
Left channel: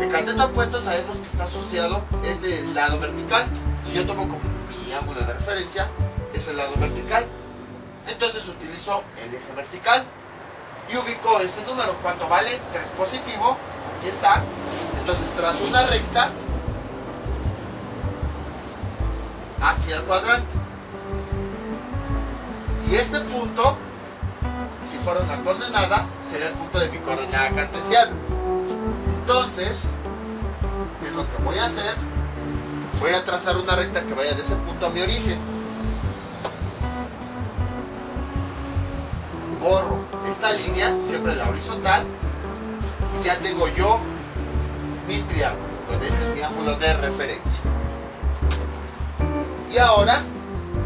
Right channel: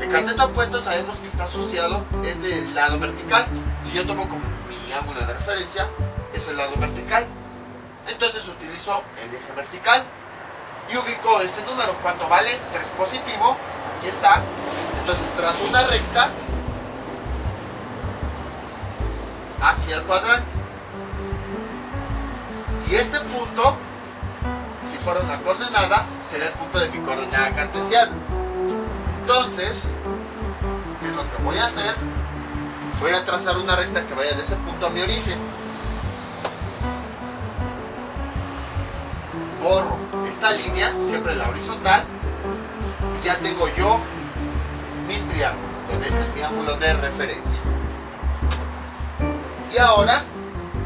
El cateto opuesto sabemos que está asociado, es del lado vertical. Si yo tomo como mi ángulo de referencia, es el lado vertical. Entonces utilizo el eje vertical y ubico ese número. ¿Cuánto vale? 3 positivo. Aquí está. Entonces trazo una recta hacia el cuadrante. Y este punto, si fuera una coordenada, sería el punto de mi coordenada cartesiana. Entonces, ¿qué es lo que voy a hacer? Voy a trazar una recta que vaya de ese punto a mi origen. Borro esta línea, siempre la horizontal, y ya tengo yo mi triángulo, donde este es mi ángulo de referencia. Y ahora,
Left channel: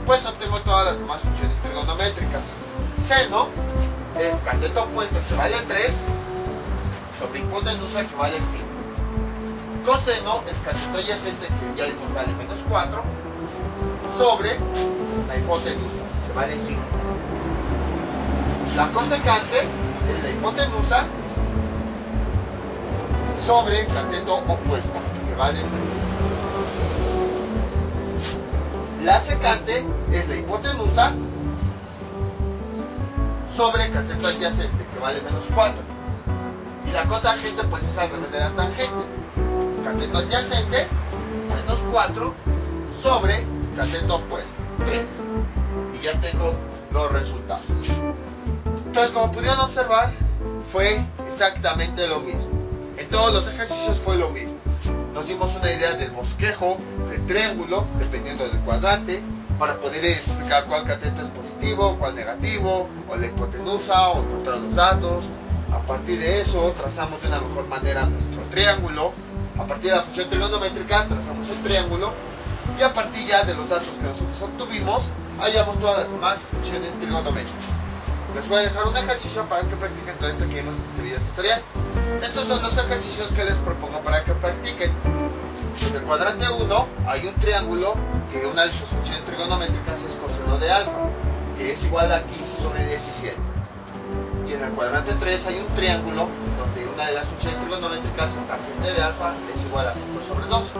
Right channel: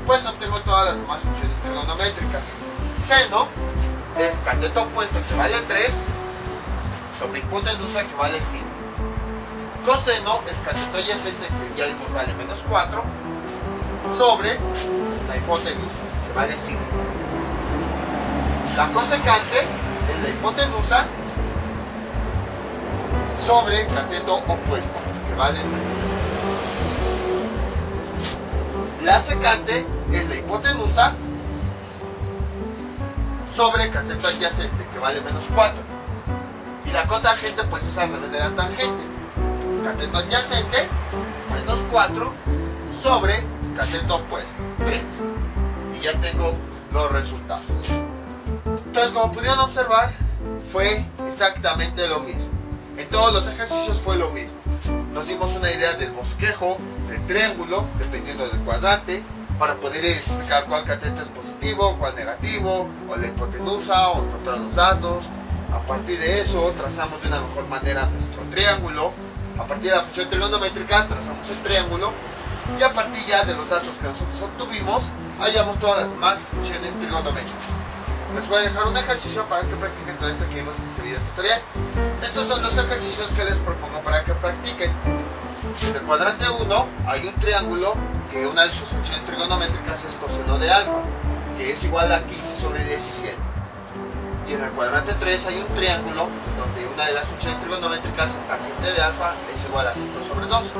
pues obtengo todas las demás funciones trigonométricas. Seno es cateto opuesto que vale 3 sobre hipotenusa que vale 5. Coseno es cateto adyacente que ya vimos vale menos 4 sobre la hipotenusa que vale 5. La cosecante es la hipotenusa sobre cateto opuesto que vale 3. La secante es la hipotenusa sobre cateto adyacente que vale menos 4. Y la cotangente pues es al revés de la tangente. Cateto adyacente menos 4 sobre cateto opuesto 3. Y ya tengo los resultados. Entonces, como pudieron observar, fue exactamente lo mismo. En todos los ejercicios fue lo mismo. Nos dimos una idea del bosquejo, del triángulo, dependiendo del cuadrante, para poder identificar cuál cateto es positivo, cuál negativo, o la hipotenusa, o encontrar los datos. A partir de eso, trazamos de una mejor manera nuestro triángulo. A partir de la función trigonométrica, trazamos el triángulo. Y a partir ya de los datos que nosotros obtuvimos, hallamos todas las demás funciones trigonométricas. Les voy a dejar un ejercicio para que practiquen todo esto que vimos en este video tutorial. Estos son los ejercicios que les propongo para que practiquen. En el cuadrante 1 hay un triángulo que una de sus funciones trigonométricas es coseno de alfa, que es igual a 15 sobre 17. Y en el cuadrante 3 hay un triángulo donde una de las funciones trigonométricas es tangente de alfa, es igual a 5 sobre 2.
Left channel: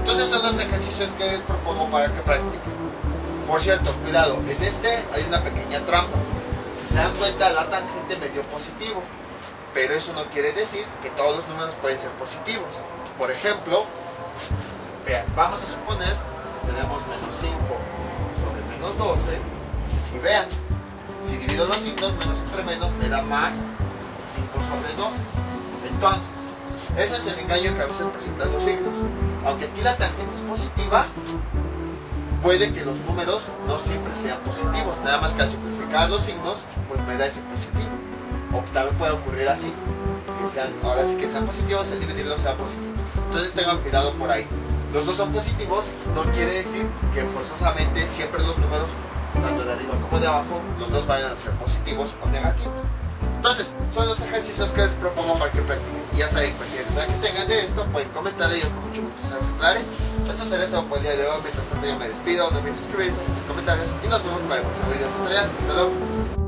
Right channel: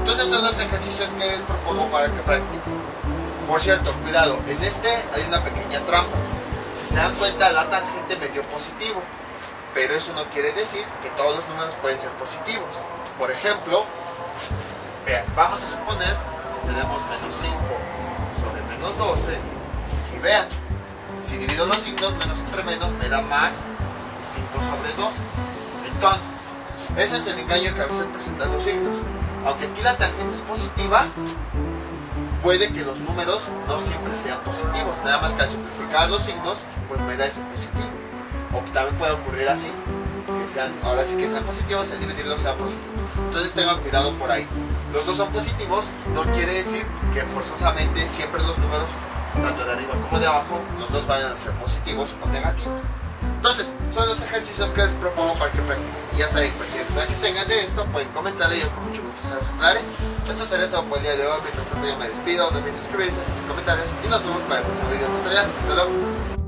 Entonces son los ejercicios que les propongo para que practiquen. Por cierto, cuidado, en este hay una pequeña trampa. Si se dan cuenta, la tangente me dio positivo, pero eso no quiere decir que todos los números pueden ser positivos. Por ejemplo, vean, vamos a suponer que tenemos menos 5 sobre menos 12, y vean, si divido los signos, menos entre menos me da más 5 sobre 2. Entonces, ese es el engaño que a veces presentan los signos. Aunque aquí la tangente es positiva, puede que los números no siempre sean positivos, nada más que al simplificar los signos, pues me da ese positivo. O también puede ocurrir así, que sean, ahora sí que sean positivos, el dividirlos sea positivo. Entonces tengan cuidado por ahí. Los dos son positivos, no quiere decir que forzosamente siempre los números, tanto de arriba como de abajo, los dos vayan a ser positivos o negativos. Entonces, son los ejercicios que les propongo para que practiquen. Y ya saben, cualquier duda que tengan de esto, pueden comentarle y yo con mucho gusto se las aclararé. Esto sería todo por el día de hoy. Mientras tanto, yo me despido. No olviden suscribirse, dejar sus comentarios y nos vemos para el próximo video tutorial. Hasta luego.